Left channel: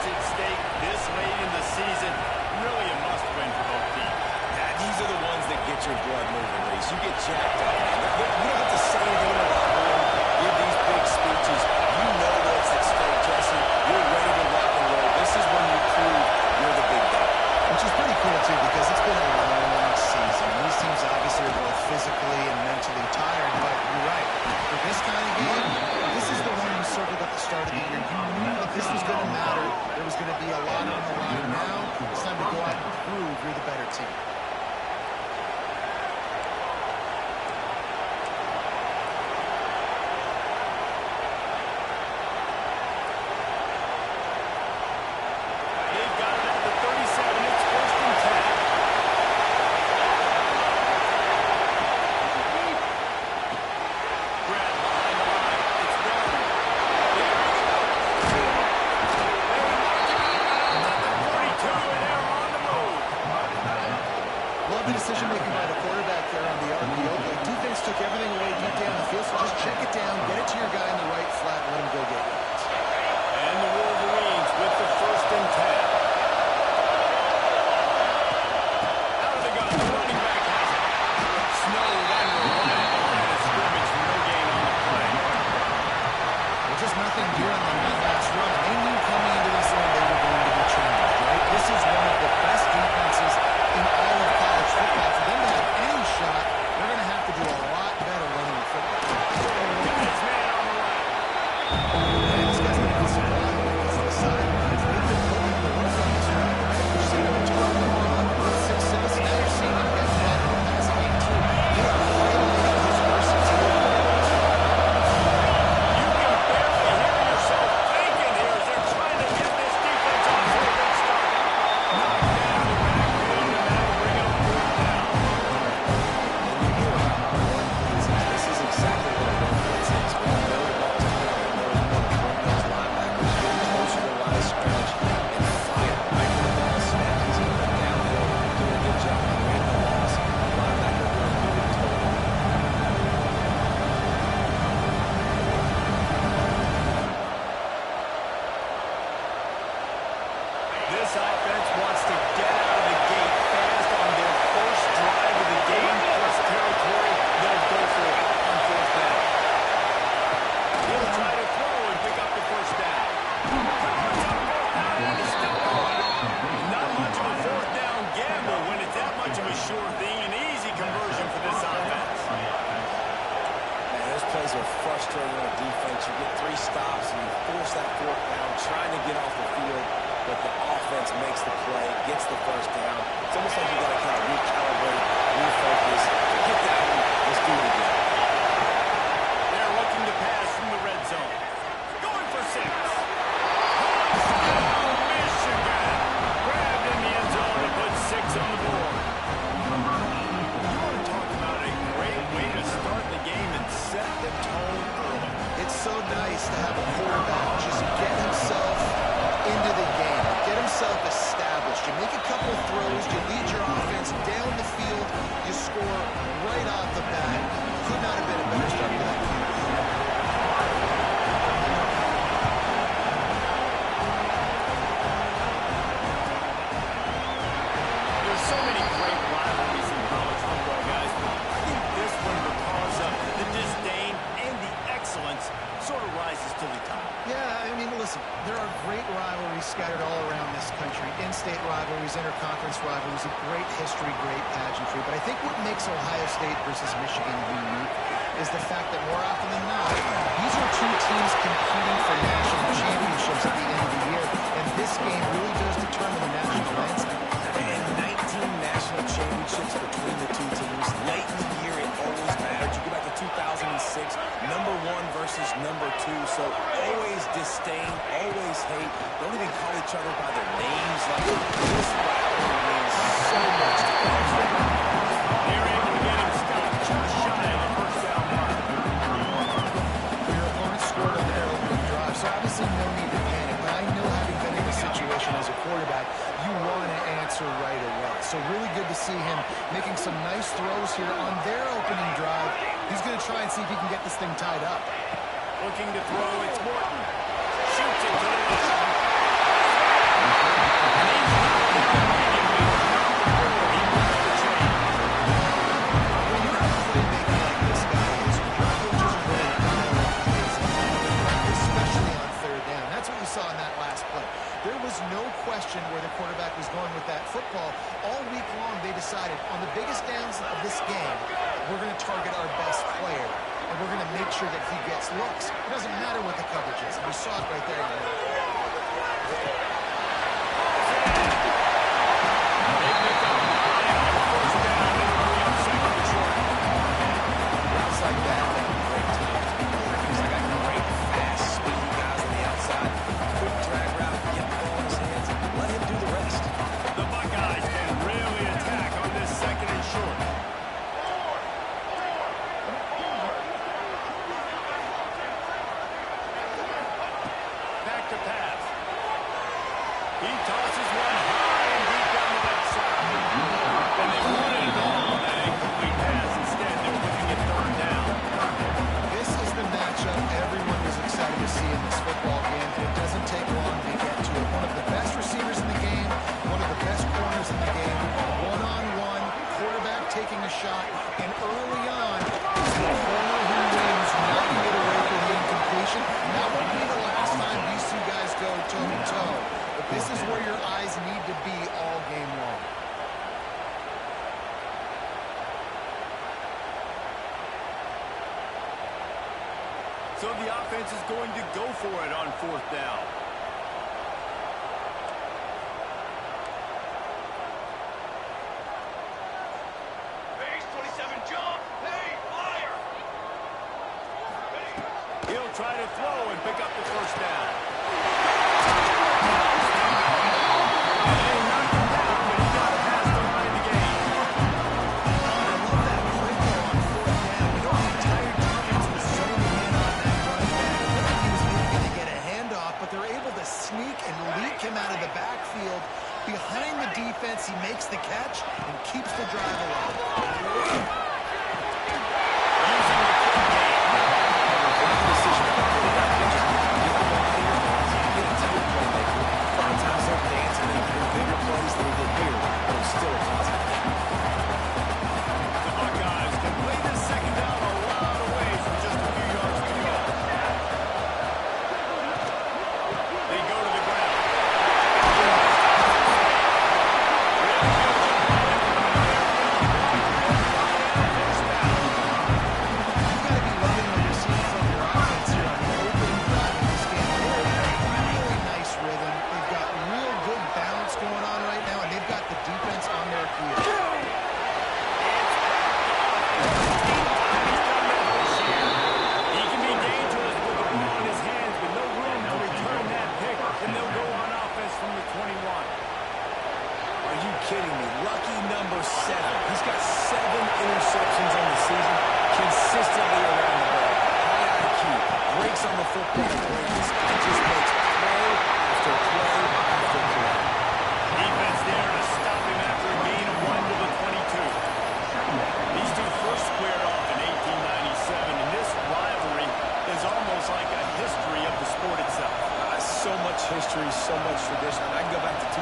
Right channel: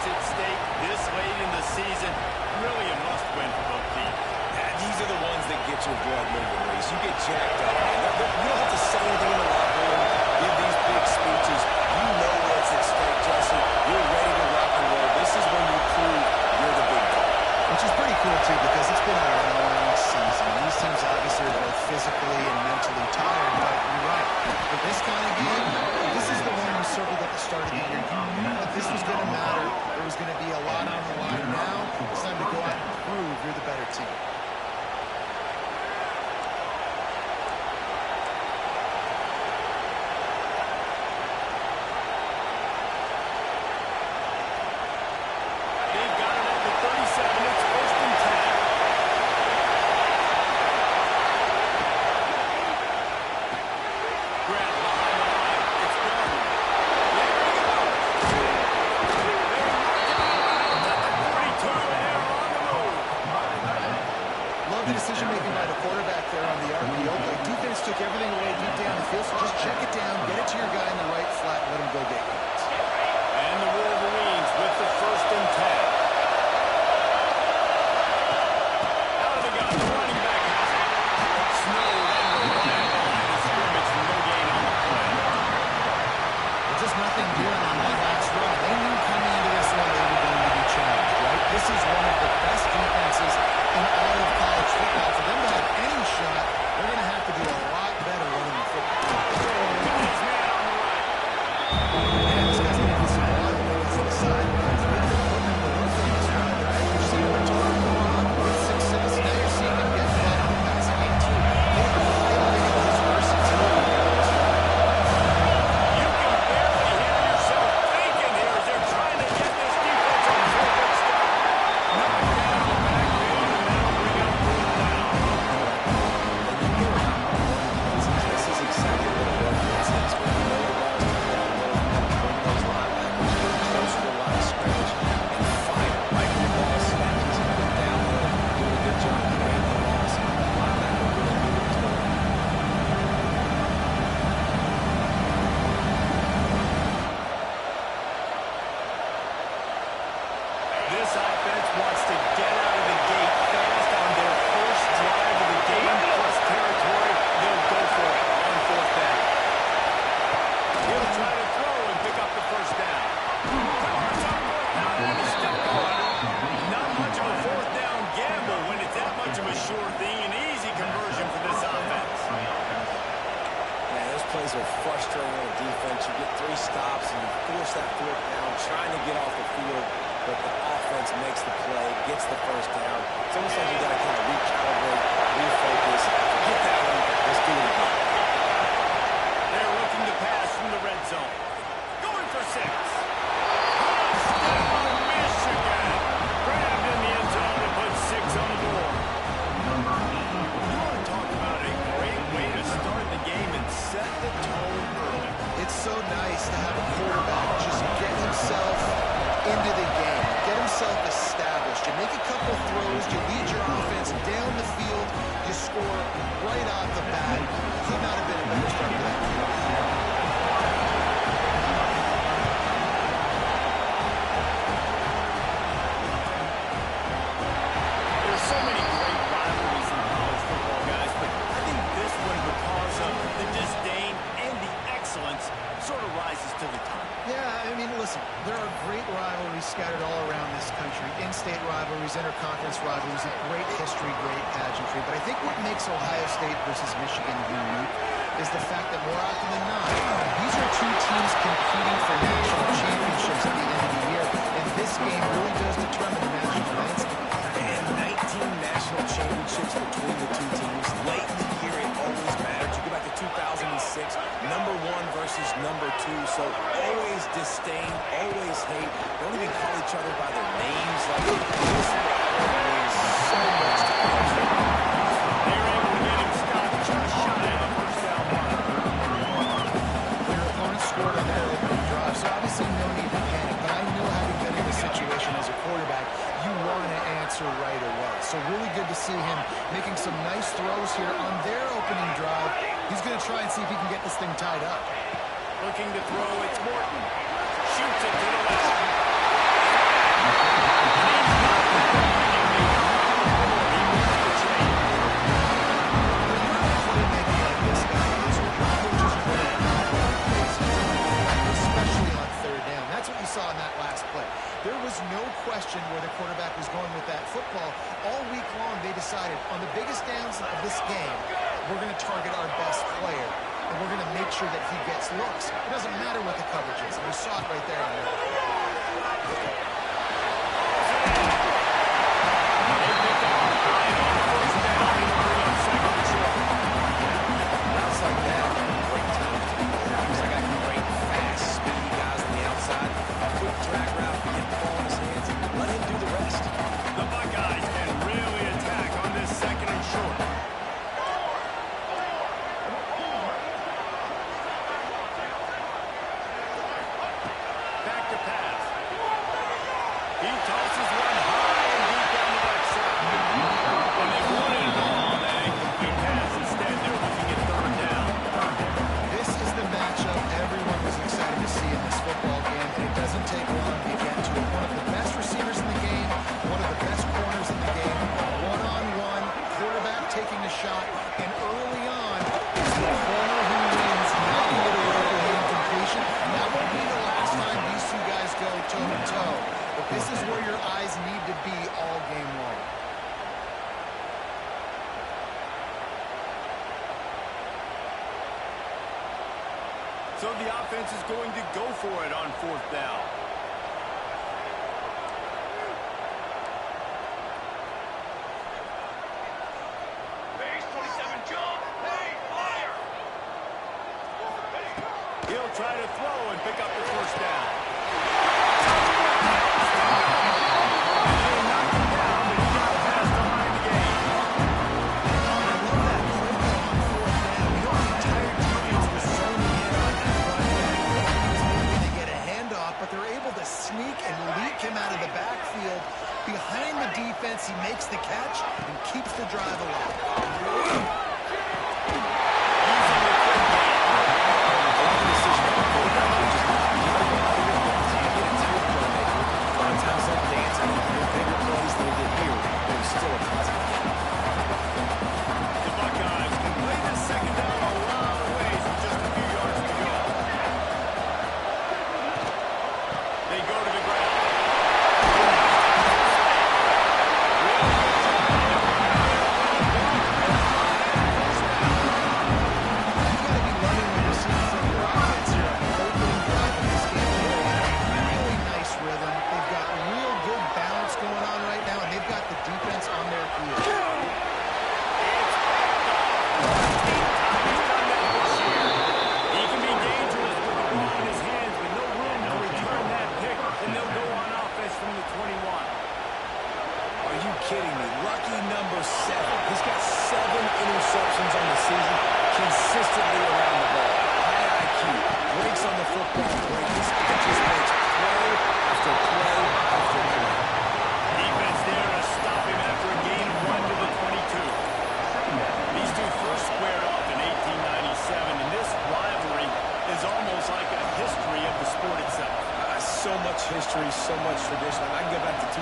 points at stake this late in the season. Really a must-win for both teams. Yeah, these are the ones that get your blood moving, Reese. You get jacked up, man. You don't have to say anything in the locker room, give these big speeches. You know what's at stake, Jesse. You're ready to rock and roll. This is when you prove you're the big dog. Which is pretty cool, too, because it's been a long season. These teams obviously are both physically and mentally tired, but you're right. For this kind of game, this is the one you circled at the start of the year. You knew that this was going to matter. There was going to be a lot on the line. Now, it's time to go out and prove you're the better team. They've got it at the 37. It's 1st and 10. Grab behind the line. It's Darden. There he goes. They knock him out at the 42, and they're on the move. Love the decision-making by the quarterback there on the RPO play. Defense took everything away deep down the field, so just check it down, get it to your guy in the right flat, and let him go get yards. And the Wolverines with the 1st and 10. Out of the gun, the running back has it. Snowed under right at the line of scrimmage, no gain on the play. Well, just nothing doing on that last run. They knew coming into this one they were going to be challenged, right? This is one of the best defenses in all of college football. For them to have any shot, they're going to have to do a lot better running the football. Got his man on the right. Man, this guy's going to need some water because of the sidelines. They've been putting him to work on this drive, right? You've seen him target more often with success. Now you're seeing him get involved in the passing game, too. They are highlighting his versatility. You can barely hear yourself thinking here as they're trying to get this defense off to a good start. Knocked down in the backfield, and that'll bring up 4th down. And you hear about run blitzes. This is exactly what a run blitz is. When you know the ball's coming up the middle, you want to bring those linebackers, get closer to the line of scrimmage, and fire. Right when the ball snaps, he's going to go downhill, doing a good job creating the loss. That linebacker really knew what was going on. This offense wants to get out of the gate fast on their first drive of the game. Plus territory, they'll go for it on 4th down. He'll try to throw and pick up the 1st down. Carr's on 4th down, and he's still going. Not much of a 4th down gamble when it's that much of a sure thing. An easy conversion for this offense. Man, those plays are frustrating on defense. You get 3 stops and you force that 4th down, trying to get off the field, but the offense makes the play, gets the 1st down. It's almost like you got to kind of recalibrate, refocus, forget that one, let's do it again. They're looking to pass from the red zone. Going for 6. Touchdown, Michigan! Grabbed in the end zone and put 6 on the board. You want to talk about a great way to start the game and set the tone early. It's so nice to have a quarterback just get himself into the game, get himself established. You make a couple throws, you lead your offense down the field, you score right off the bat. Could not have been a better start for that team. There's so many great rivalries in college football, guys, but I think this one, because of the disdain and the excellence, sort of rises to the top. Yeah, I mean, listen, there are great rivalries scattered all around this country. In-state rivalries, interconference rivalries, a great history, great pageantry. But I think what makes Ohio State versus Michigan unique is the fact that more often than not, these are two teams competing for national championships at the end of the year. And this game really does determine the national landscape. And 19 national championships between the two teams. Late in the year, it always mattered. You go back to 2006, number 1 versus number 2. So always disdain, always hate. Don't even call each other by their names. Like, this rivalry means so much to college football. They're able to get him stopped just shy of the 1st down mark. Your opponent scored on their opening drive, so obviously no need to panic. But I know, having been in this situation as a quarterback, you want to answer right away. So really good to see him making some nice throws here on their opening drive. He's going to try and see if he can get this thing tied up. Looking to throw, it's Morton. Shoots it to the left. no question where the quarterback was going with that football. All week long, they decided on the biggest downs of this game, we're going to target our best player, and we're going to make sure that he gets looks. It doesn't matter what the coverage is, and we saw it right there. They picked up the line on first down. It'll bring up second and short. Routes like that, great times to be quarterbacks. I got great, fast, speedy guys on the outside. Quick drag route, get the ball in his hands, and let him do the rest. The Buckeyes can really attack on this second and short. Back to pass. He tosses one high and deep down the left side. And they wanted it all on that incomplete pass. Instead, they're looking at third down. This is the matchup everyone was excited to see in this football game, and it doesn't take long to get to it. One of the best receivers in the game, one of the best corners in the game, one-on-one, quarterback taking a shot, and early on, it's the corner who wins, not to get away from the incompletion. That won't be the last time these two guys go toe-to-toe, but this is where your eyes need to be all game long. So the offense is going to go for it on fourth down. Base 27 jump. Hey, fire. He'll try to throw and pick up the first down. And they knocked him down, but he got past the line to gain. I love that play call on fourth down. You know, the entire defense was zoning in on that run back. He was maybe going to get a handoff, but they're able to sneak and leak him out of the backfield. Behind the defense, he makes the catch and keeps the drive alive. Using the quick game. I like the decision of the quarterback to just get the ball out of your hands. You get a tight playmaker. A lot of times they'll dance and they do bigger plays than they did here, but it was still a positive game. The Buckeyes can play this second down a lot of ways with just a few yards to go. They go to the ground. Really good job by everybody there. Well blocked. Line out first down. You've got to be loving what you're seeing from your offense here on the opening drive of this game. They're in a really nice rhythm. They've got real good balance going on right now, and they've got the defense on their heels. It's picked off. Eighth time he's done that this year. He can be dangerous with the ball in his hands, but no room to return that pick, and they'll go on offense from the 21. Are you kidding me? Lucky number 7. He's got 7 interceptions on the season, consistently around the ball. High IQ, breaks on the football break. This guy just makes play after play after play. Defense there to stop him after a gain of 1 to the 22. These two first squared off in 1897, and this rivalry is almost like a history of the sport itself. So much history, so much tradition. I can go back to 2006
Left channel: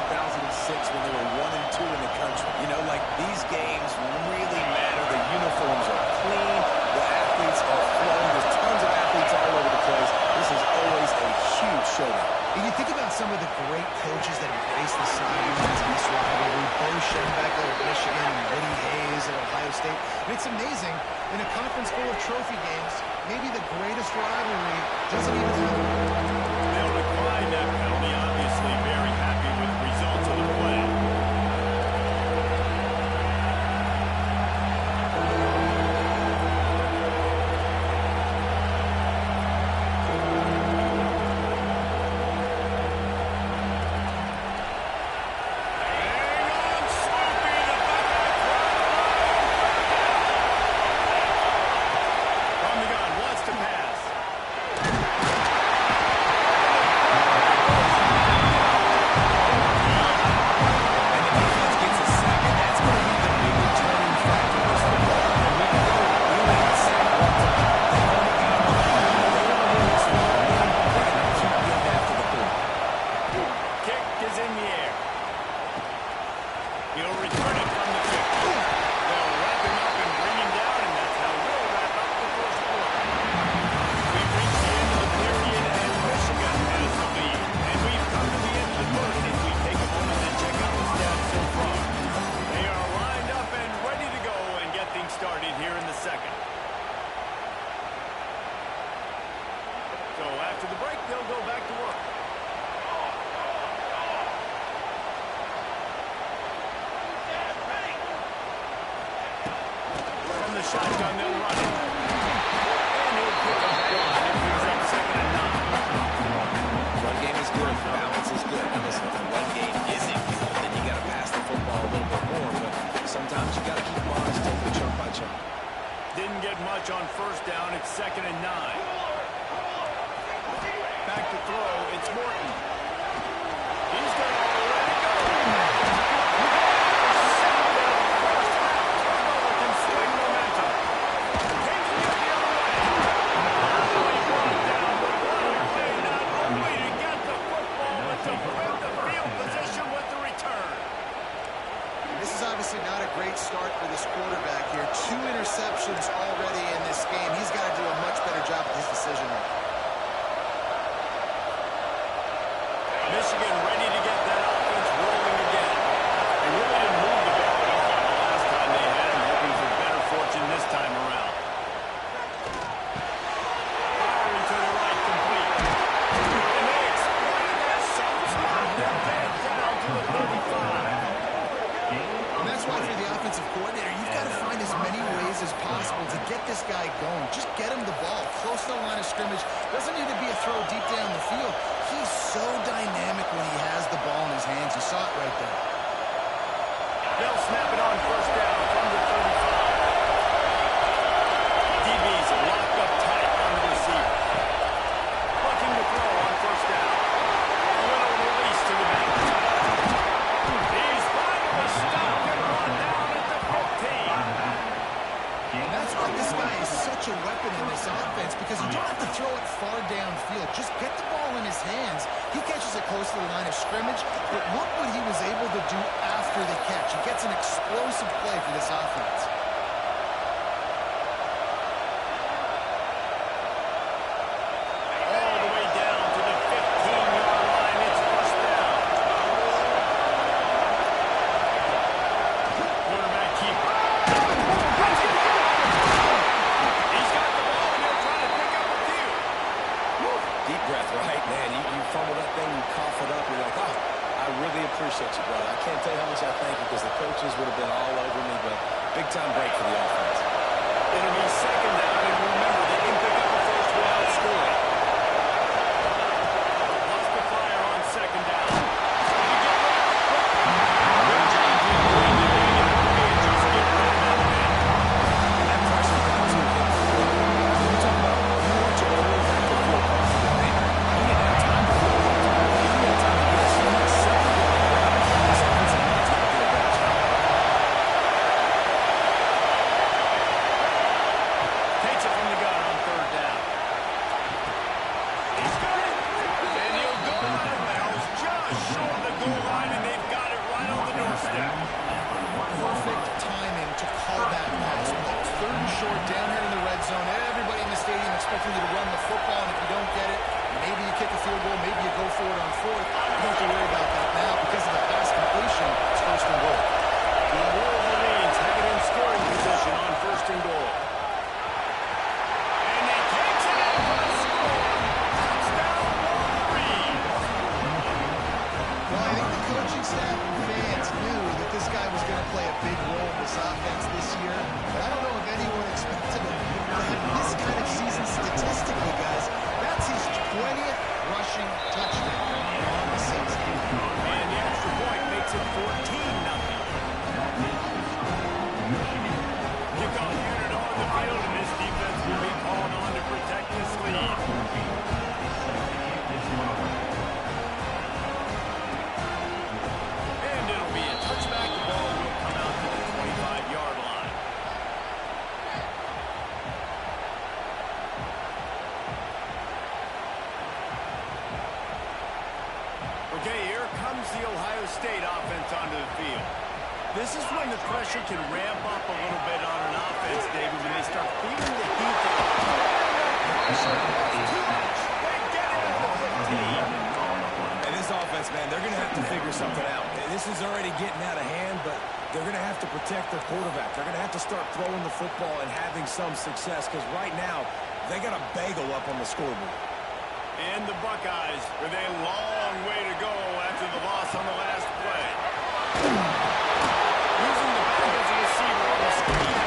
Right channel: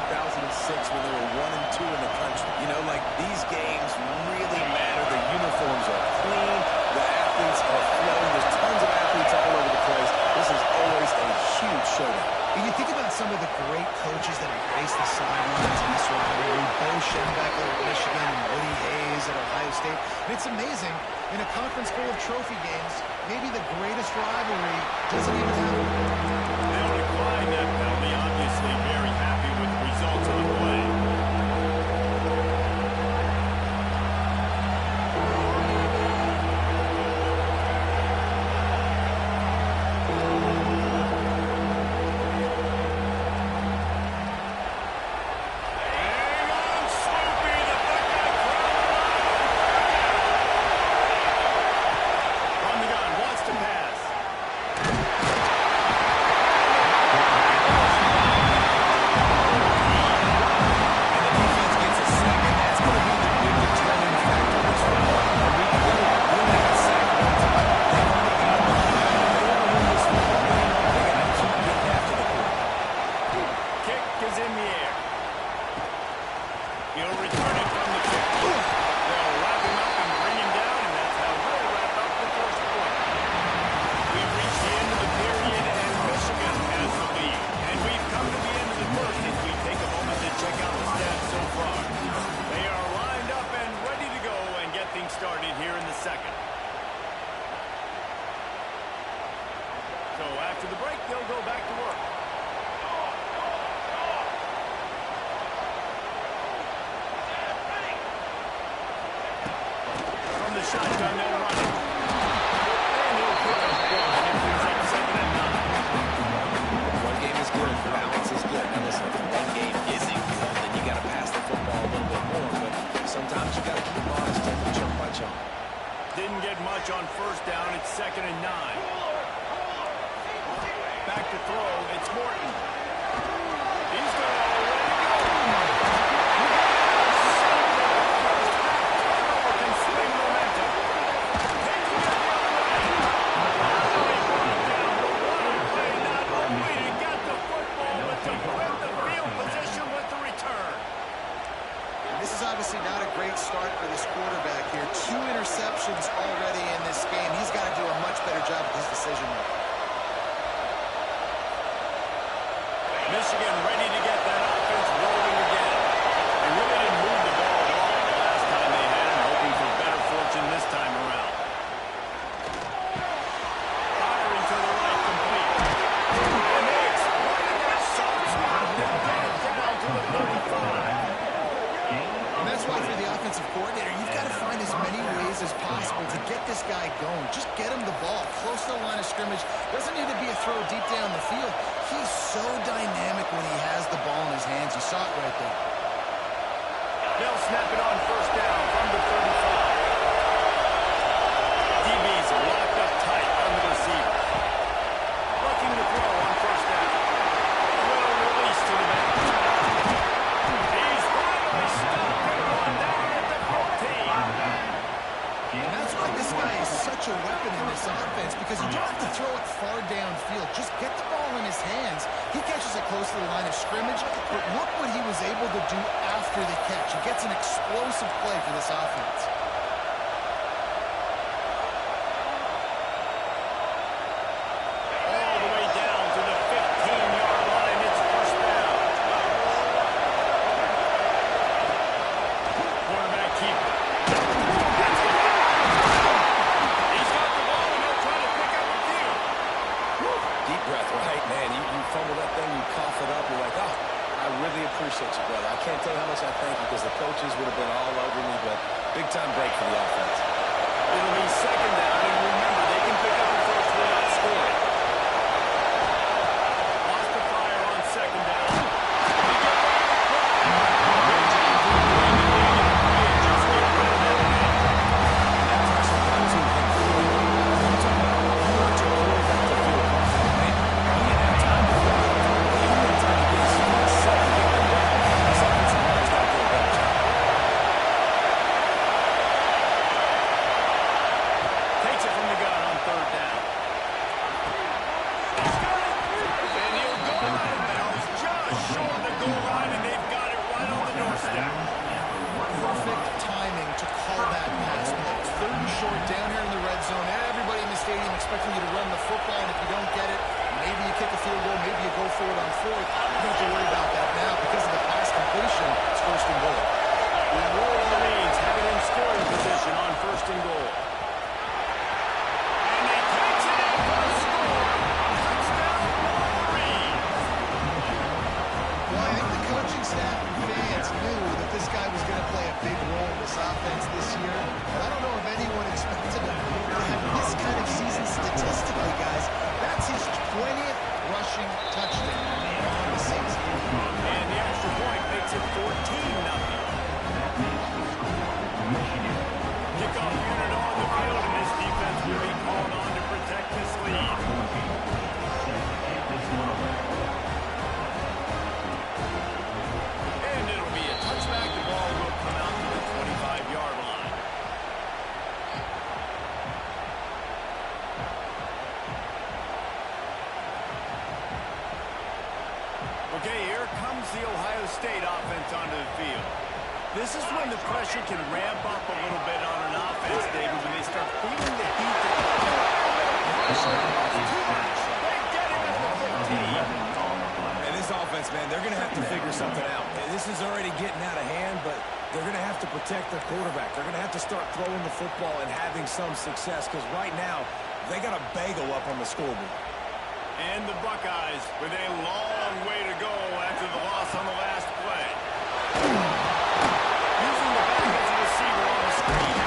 when they were 1 and 2 in the country. You know, like these games really matter. The uniforms are clean. The athletes are flowing. There's tons of athletes all over the place. This is always a huge showdown. And you think about some of the great coaches that have graced the sidelines in this rivalry. Bo Schembechler at Michigan and Woody Hayes at Ohio State. And it's amazing, in a conference full of trophy games, maybe the greatest rivalry doesn't even happen. They'll decline that penalty, obviously very happy with the results of the play. Hang on, Sloopy, the Buckeye crowd alive. From the gun, wants to pass. And the defense gets a sack, and that's going to be the big determining factor of this football. A week ago, he only got sacked 1 time. They only got him behind. They want to win this football game. They got to keep getting after the quarterback. Kick is in the air. He'll return it from the 50. They'll wrap him up and bring him down, and that's how we'll wrap up the first quarter. We've reached the end of the period, and Michigan has the lead. And we've come to the end of the first. second. So after the break, they'll go back to work. From the shotgun, they'll run it. And he'll pick up one. It brings up second and 9. Run game is good. Balance is good. Now listen, if the run game isn't good, then you got to pass the football a little bit more. But sometimes you got to keep them honest, take them chunk by chunk. Didn't get much on first down. It's second and 9. Back to throw. It's Morton. He's going to let it go. First half turnover can swing momentum. Taking it the other way. Now he brought down the one play, not only to get the football, but to flip the field position with the return. This is obviously not a great start for this quarterback here. 2 interceptions already in this game. He's got to do a much better job with his decision making. Michigan ready to get that offense rolling again. They really didn't move the ball at all the last time they had it, hoping for better fortune this time around. Firing to the right, complete. And they exploited that soft spot. They'll get it down to the 35. And that's why for the offensive coordinator, you've got to find as many ways as possible to get this guy going. Just get him the ball close to the line of scrimmage. Doesn't need to be a throw deep down the field. He's so dynamic when he has the ball in his hands. You saw it right there. They'll snap it on first down from the 35. DB's locked up tight on the receiver. Looking to throw on first down. A little release to the back. He's finally stopped and brought down at the 15. And that's why this guy is such a weapon in this offense, because you don't have to throw it far downfield. Just get the ball in his hands. He catches it close to the line of scrimmage, but look what he was able to do after the catch. He gets an explosive play for this offense. All the way down to the 15-yard line. It's first down. Quarterback keeper. He's got the ball, and he'll try to pick up a few. Deep breath, right, man? You fumble that thing, you cough it up, you're like, oh, I really appreciate you, brother. I can't tell you how much I thank you, because the coaches would have been all over me, but big-time break for the offense. It'll be second down, and remember, they can pick up a first without scoring. Lost the fire on second down. And you get rid of it quickly. Good job to win the day and just get rid of that man. That pressure got to him. You're talking about you want your quarterback to feel comfortable, man. He didn't have time to feel comfortable. He didn't have time to get his feet set and get them down. This offensive line's got to do a better job. Takes it from the gun on third down. He's got it. And he'll go out of bounds just short of the goal line, and they've got it right on the doorstep. Perfect timing to call that pass play. It's third and short down here in the red zone. Everybody in the stadium expecting you to run the football, and if you don't get it, maybe you kick a field goal, maybe you go for it on fourth. You don't have to worry about that now because of the pass completion. It's first and goal. The Wolverines have it in scoring position on first and goal. And he takes it in for the score. Touchdown, Wolverines. Well, I think the coaching staff and fans knew that this guy was going to play a big role in this offense this year, but I don't know if anyone expected him to have this kind of season statistically, guys. That's his 20th rushing touchdown on the season. And the extra point makes it 14-0. Kickoff unit on the field, and this defense will be called on to protect this lead. And it'll be a touchback. The ball will come out to the 25-yard line. Okay, here comes the Ohio State offense onto the field. This is when the pressure can ramp up a little bit on an offense, David, when they start feeling the heat. Pressure is too much. They get him at the 15. And this offense, man, they're going to have to figure something out. This is already getting out of hand, but they're going to have to protect their quarterback. They're going to have to start throwing the football and having some success because right now they got a bagel up on the scoreboard. And the Buckeyes with a long way to go after the loss on the last play. Using the back as a receiver on the screen.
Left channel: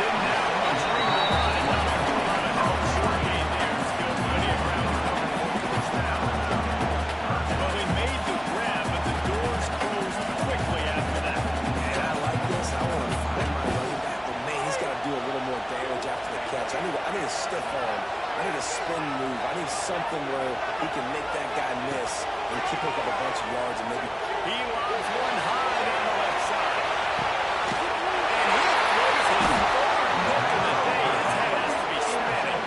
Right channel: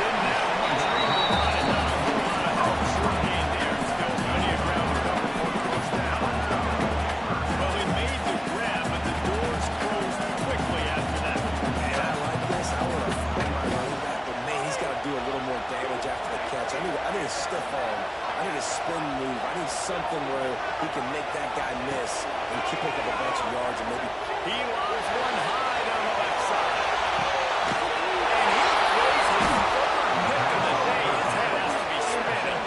Didn't have much room to run and not a whole lot of help. Short gain there. Still plenty of ground to cover for the first down. Well, he made the grab, but the doors closed quickly after that. And I like this. I want to find my running back, but man, he's got to do a little more damage after the catch. I need a stiff arm. I need a spin move. I need something where he can make that guy miss and pick up a bunch of yards and maybe. He lobs one high down the left side. And he throws his third pick of the day. His head has to be spinning.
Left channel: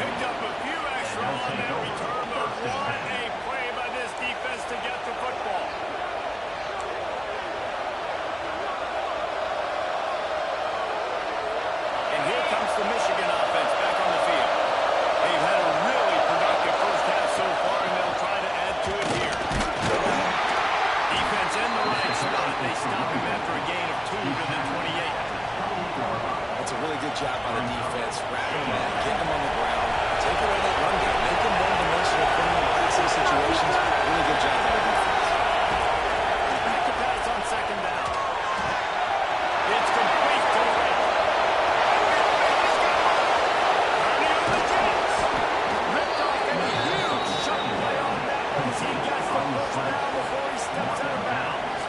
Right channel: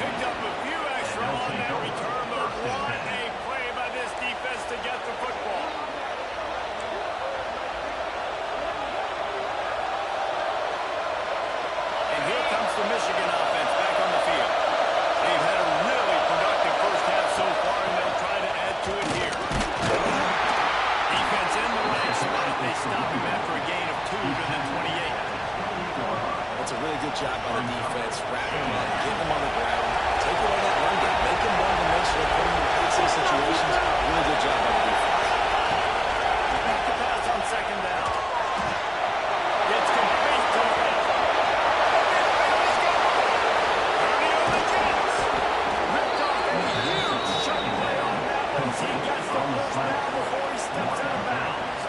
Picked up a few extra on that return, but what a play by this defense to get the football. And here comes the Michigan offense back on the field. They've had a really productive first half so far, and they'll try to add to it here. Defense in the right spot. They stop him after a gain of 2 to the 28. That's a really good job by the defense. Wrapping him up, getting him on the ground, take away that run game, make him one-dimensional, put him in passing situations. Really good job by the defense. Back to pass on second down. It's complete to the right. Ernie on the Jets. Ripped off a huge shot play on that one as he gets the first down before he steps out of bounds.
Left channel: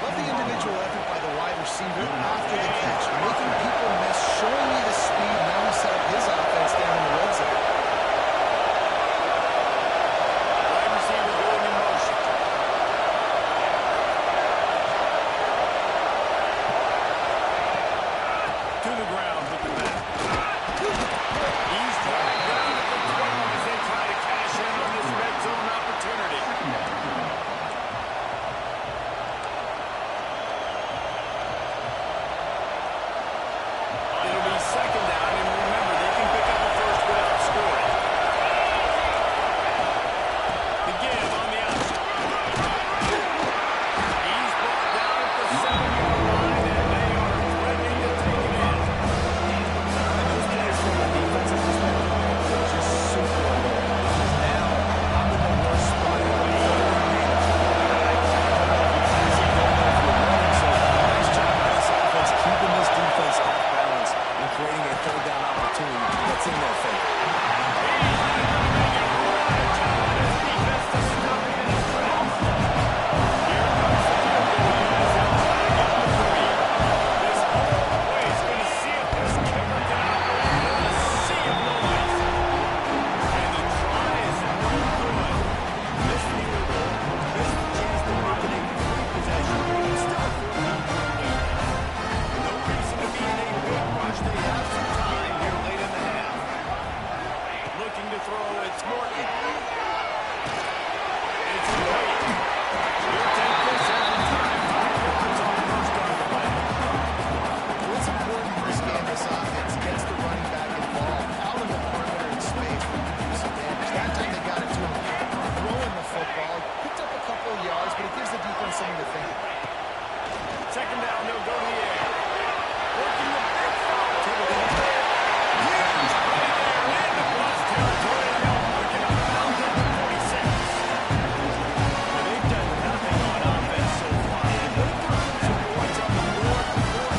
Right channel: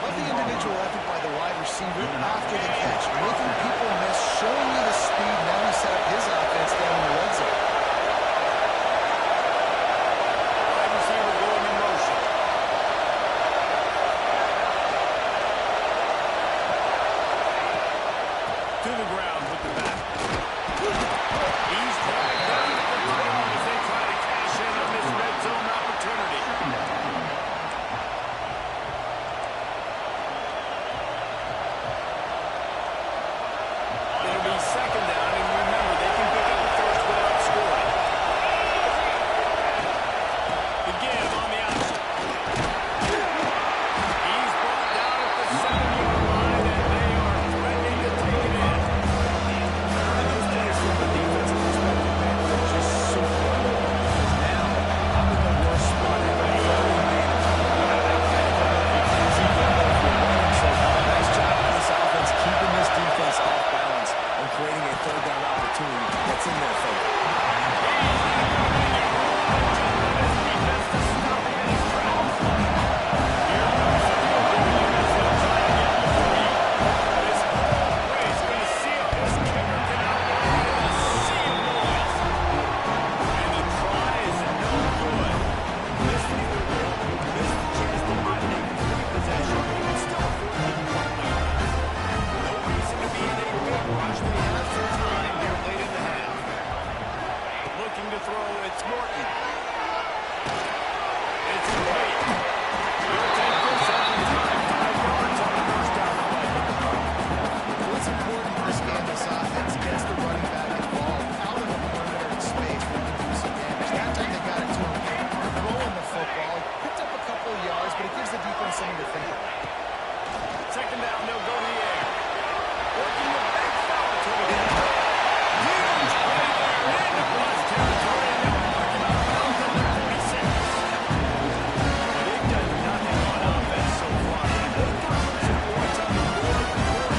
Love the individual effort by the wide receiver after the catch, making people miss, showing you the speed. Now he set up his offense down in the red zone. Wide receiver going in motion. To the ground with the back. He's dragged down at the 12 as they try to cash in on this red zone opportunity. It'll be second down, and remember, they can pick up a first without scoring. The give on the option. He's brought down at the 7-yard line, and they are threatening to take it in. And those plays from a defensive perspective, man, they're just super annoying because now I'm in the worst spot ever. Third advantage. I don't know if you're passing, don't know if you're running. So nice job by this offense keeping this defense off balance and creating a third down opportunity that's in their favor. He's not going to make it. What a job by this defense to stop him in his tracks. Here comes the field goal unit as they'll try to get the 3. This whole play is going to see if this kicker can operate in a sea of noise. And the try is no good. Missed the field goal, missed the chance to make it a 3-possession game. It's still a 14-point lead. No reason to be in a big rush. They have some time here late in the half. Looking to throw, it's Morton. It's complete. He'll take this every time. 5 yards on the first down play. What's important for this game, this offense gets the running back involved out in the perimeter in space where he can do some damage. That time they got it to him throwing the football. He picked up a couple of yards, but it gives the defense something to think about. Second down, they'll go to the air. Working the big foul to the air. Huge play there into plus territory, and they'll mark him out of bounds at the 46. Now, they've done nothing on offense so far. If they can put some points on the board before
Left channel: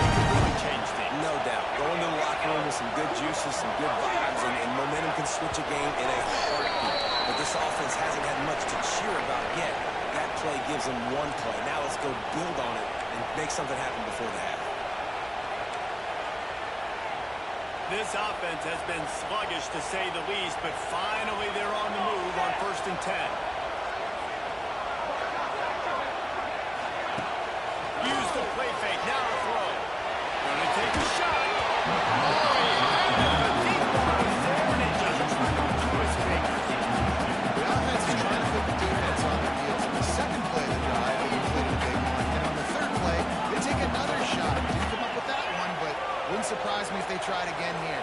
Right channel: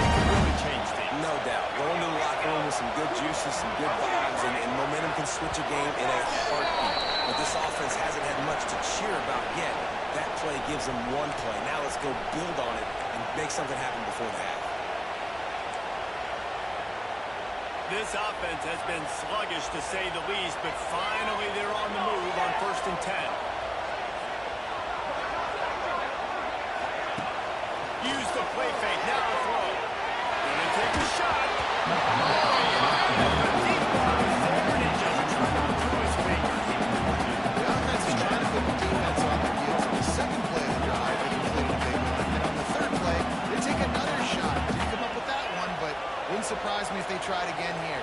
they can really change things. No doubt. Going to the locker room with some good juices, some good vibes, and momentum can switch a game in a heartbeat. But this offense hasn't had much to cheer about yet. That play gives them one play. Now let's go build on it and make something happen before the half. This offense has been sluggish, to say the least, but finally they're on the move on 1st and 10. Use the play fake. Now to throw. Gonna take a shot. Oh, he had it. The deep ball was there, and it just trickled through his fingers. The offense is trying to put the defense on their heels. On the second play of the drive, they completed a big one. And on the third play, they take another shot. Didn't come up with that one, but wouldn't surprise me if they tried again here.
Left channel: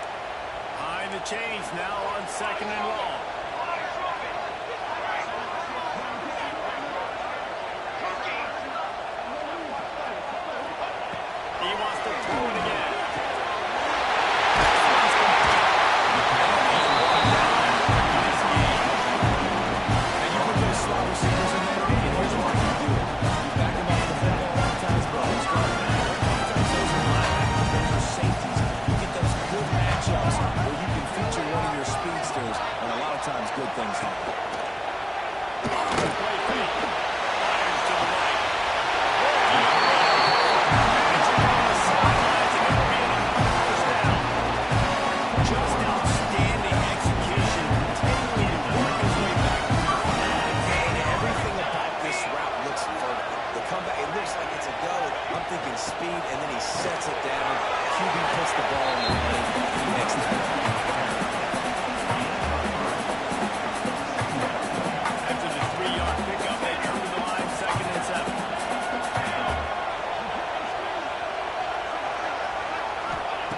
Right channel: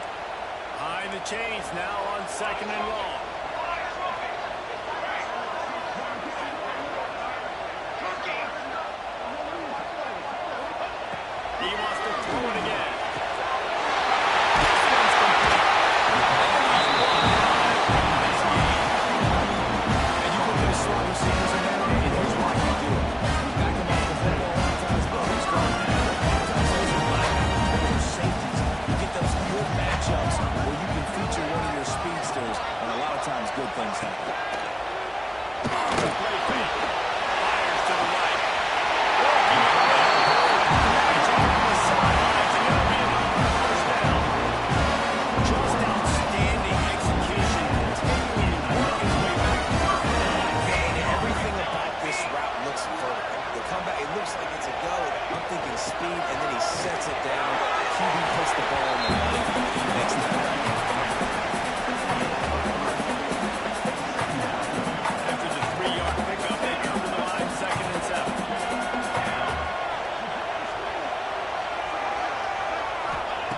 Behind the chains now on 2nd and long. the play fake. Fires to the right. Working it well. Magic on the sidelines, and it'll be enough for the first down. Just outstanding execution, continuing to work his way back. And everything about this route looks vertical. The comeback, it looks like it's a go. I'm thinking speed, and then he sets it down. QB puts the ball in the money. He makes that. After the 3-yard pickup, they come to the line, 2nd and 7.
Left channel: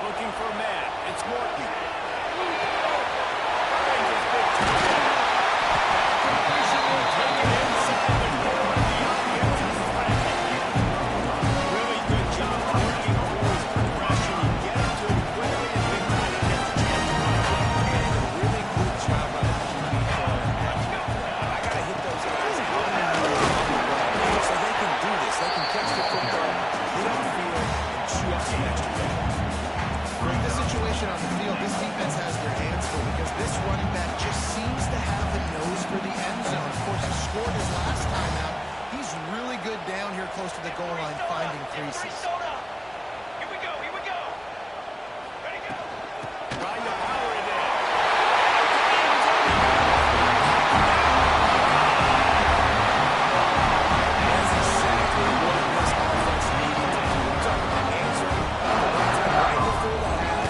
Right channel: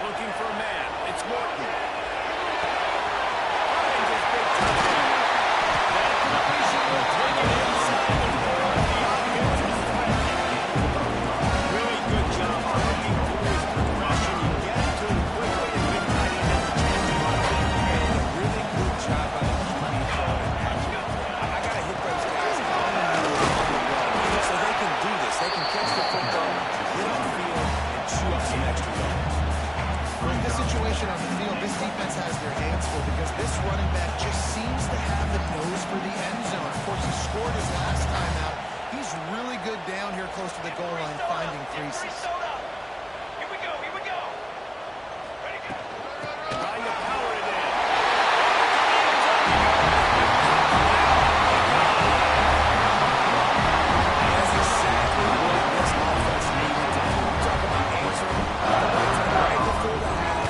Looking for a man. It's Morton. Finds his big tight end. That completion will take it inside the 4. The offense is threatening. Really good job working through his progression. You get it to him quickly, and big tight end has a chance to run it. And a really good job by the QB throwing accurate. I got to hit those guys on the run so they can do this. They can catch the football, get on the field, and chew up some extra yards. In this situation on the field, this defense has their hands full because this running back just seems to have a nose for the end zone. Of course, he scored his last time out. He's really good down here close to the goal line, finding creases. Here we go, here we go. Ready, go. Trying to power it in. Into the end zone he goes. That's exactly what this offense needed to do. We talk about answering at the right time, right before the half,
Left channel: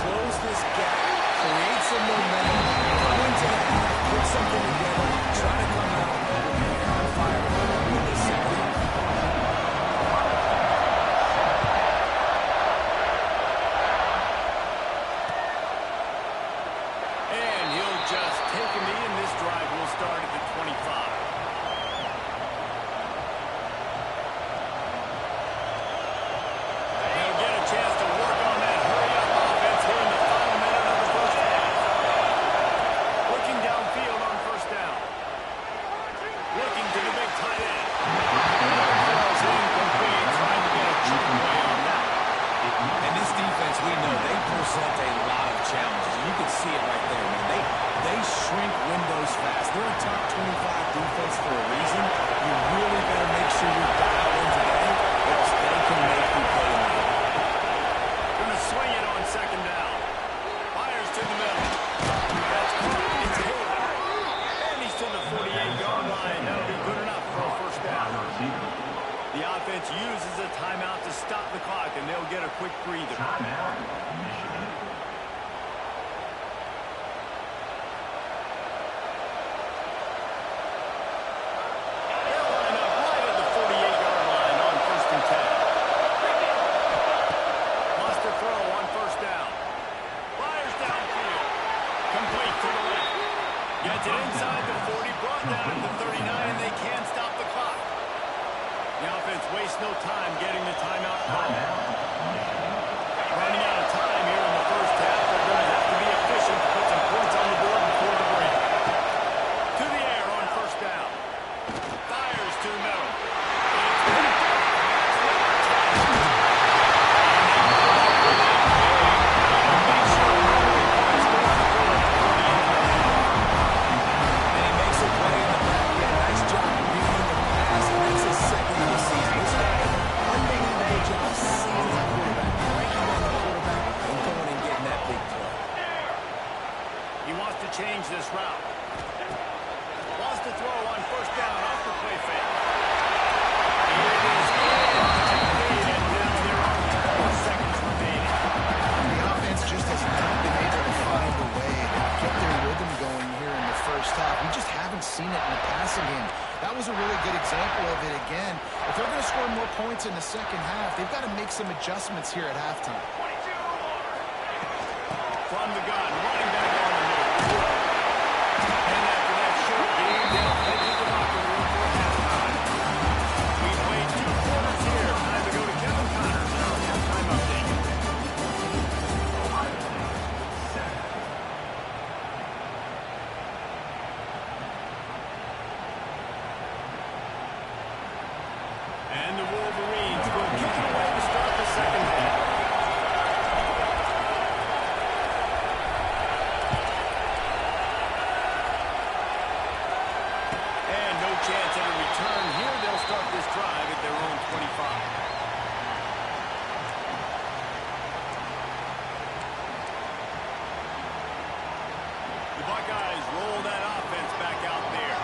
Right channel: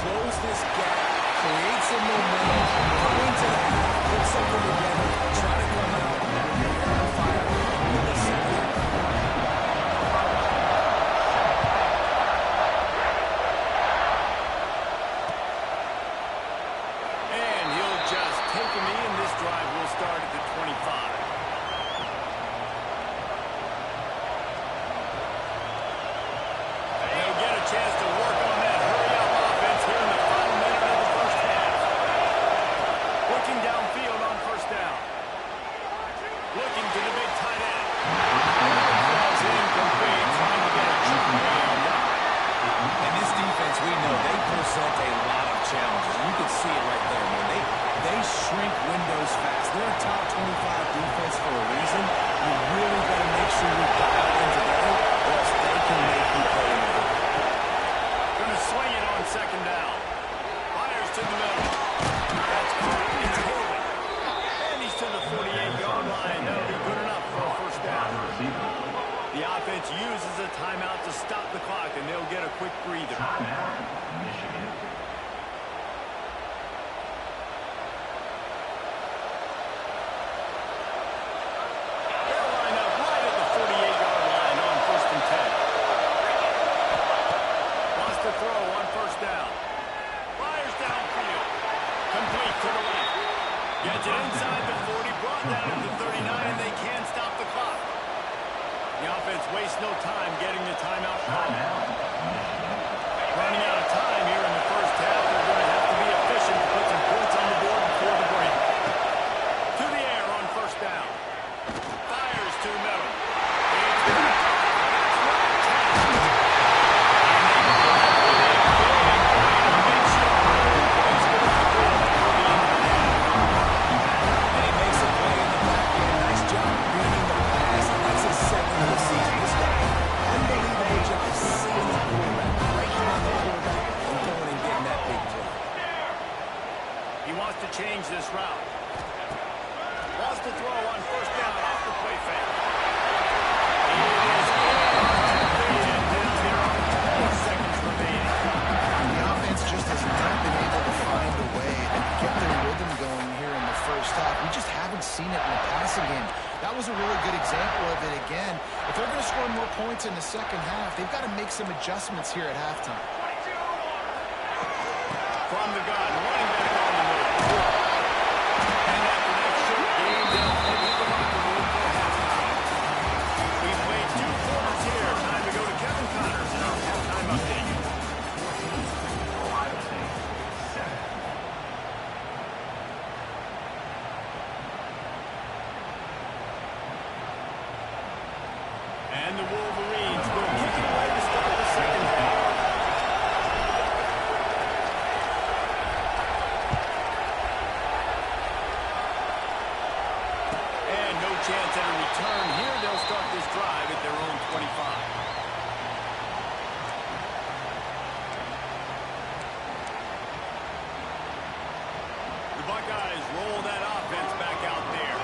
close this gap, create some momentum, go into the half, put something together, try to come out with your hair on fire in the second half. And he'll just take a knee, and this drive will start at the 25. They'll get a chance to work on that hurry-up offense here in the final minute of the first half. Looking downfield on first down. Looking to the big tight end. Falls incomplete, trying to get a cheap play on that. And this defense, we know, they present a lot of challenges. You can see it right there, man. They shrink windows fast. They're a top 25 defense for a reason. You really better make sure you're dialed in today, or else they can make you pay in the game. Going to swing it on 2nd down. Fires to the middle. That's caught. It's Taylor. And he's to the 48-yard line. That'll be good enough for a first down. The offense uses a timeout to stop the clock, and they'll get a quick breather. Timeout, Michigan. They'll line up right at the 48-yard line on 1st and 10. Wants to throw on first down. Fires downfield. Complete to the left. Gets it inside the 40, brought down at the 39, and they can't stop the clock. The offense wastes no time getting the timeout call. Running out of time here in the first half. They're going to have to be efficient to put some points on the board before the break. To the air on first down. Fires to the middle. It's picked up. That's number 10. And they come up with a big play to make sure the points go on the board before the end of the half. And he makes a play in the back end. Nice job reading the pass, and that's his second of the season. This guy, unbelievable job seeing the quarterback, breaking on the quarterback, and going and getting that big play. He wants to change this route. Wants to throw on first down off the play fake. It is incomplete, and now there are 4 seconds remaining. The offense just has not been able to find a way to get their rhythm going here in the first half. We just haven't seen it in the passing game. That was a really good example of it again. If they're going to score more points in the second half, they've got to make some adjustments here at halftime. 22 order. From the gun, running back on the move. And after that short game, they'll head to the locker room for halftime. We played 2 quarters here. Time to go to Kevin Connors in our halftime update. Ohio State, 7. And the Wolverines will kick it away to start the second half. And no chance at a return here. They'll start this drive at their own 25. The Buckeyes roll that offense back out there.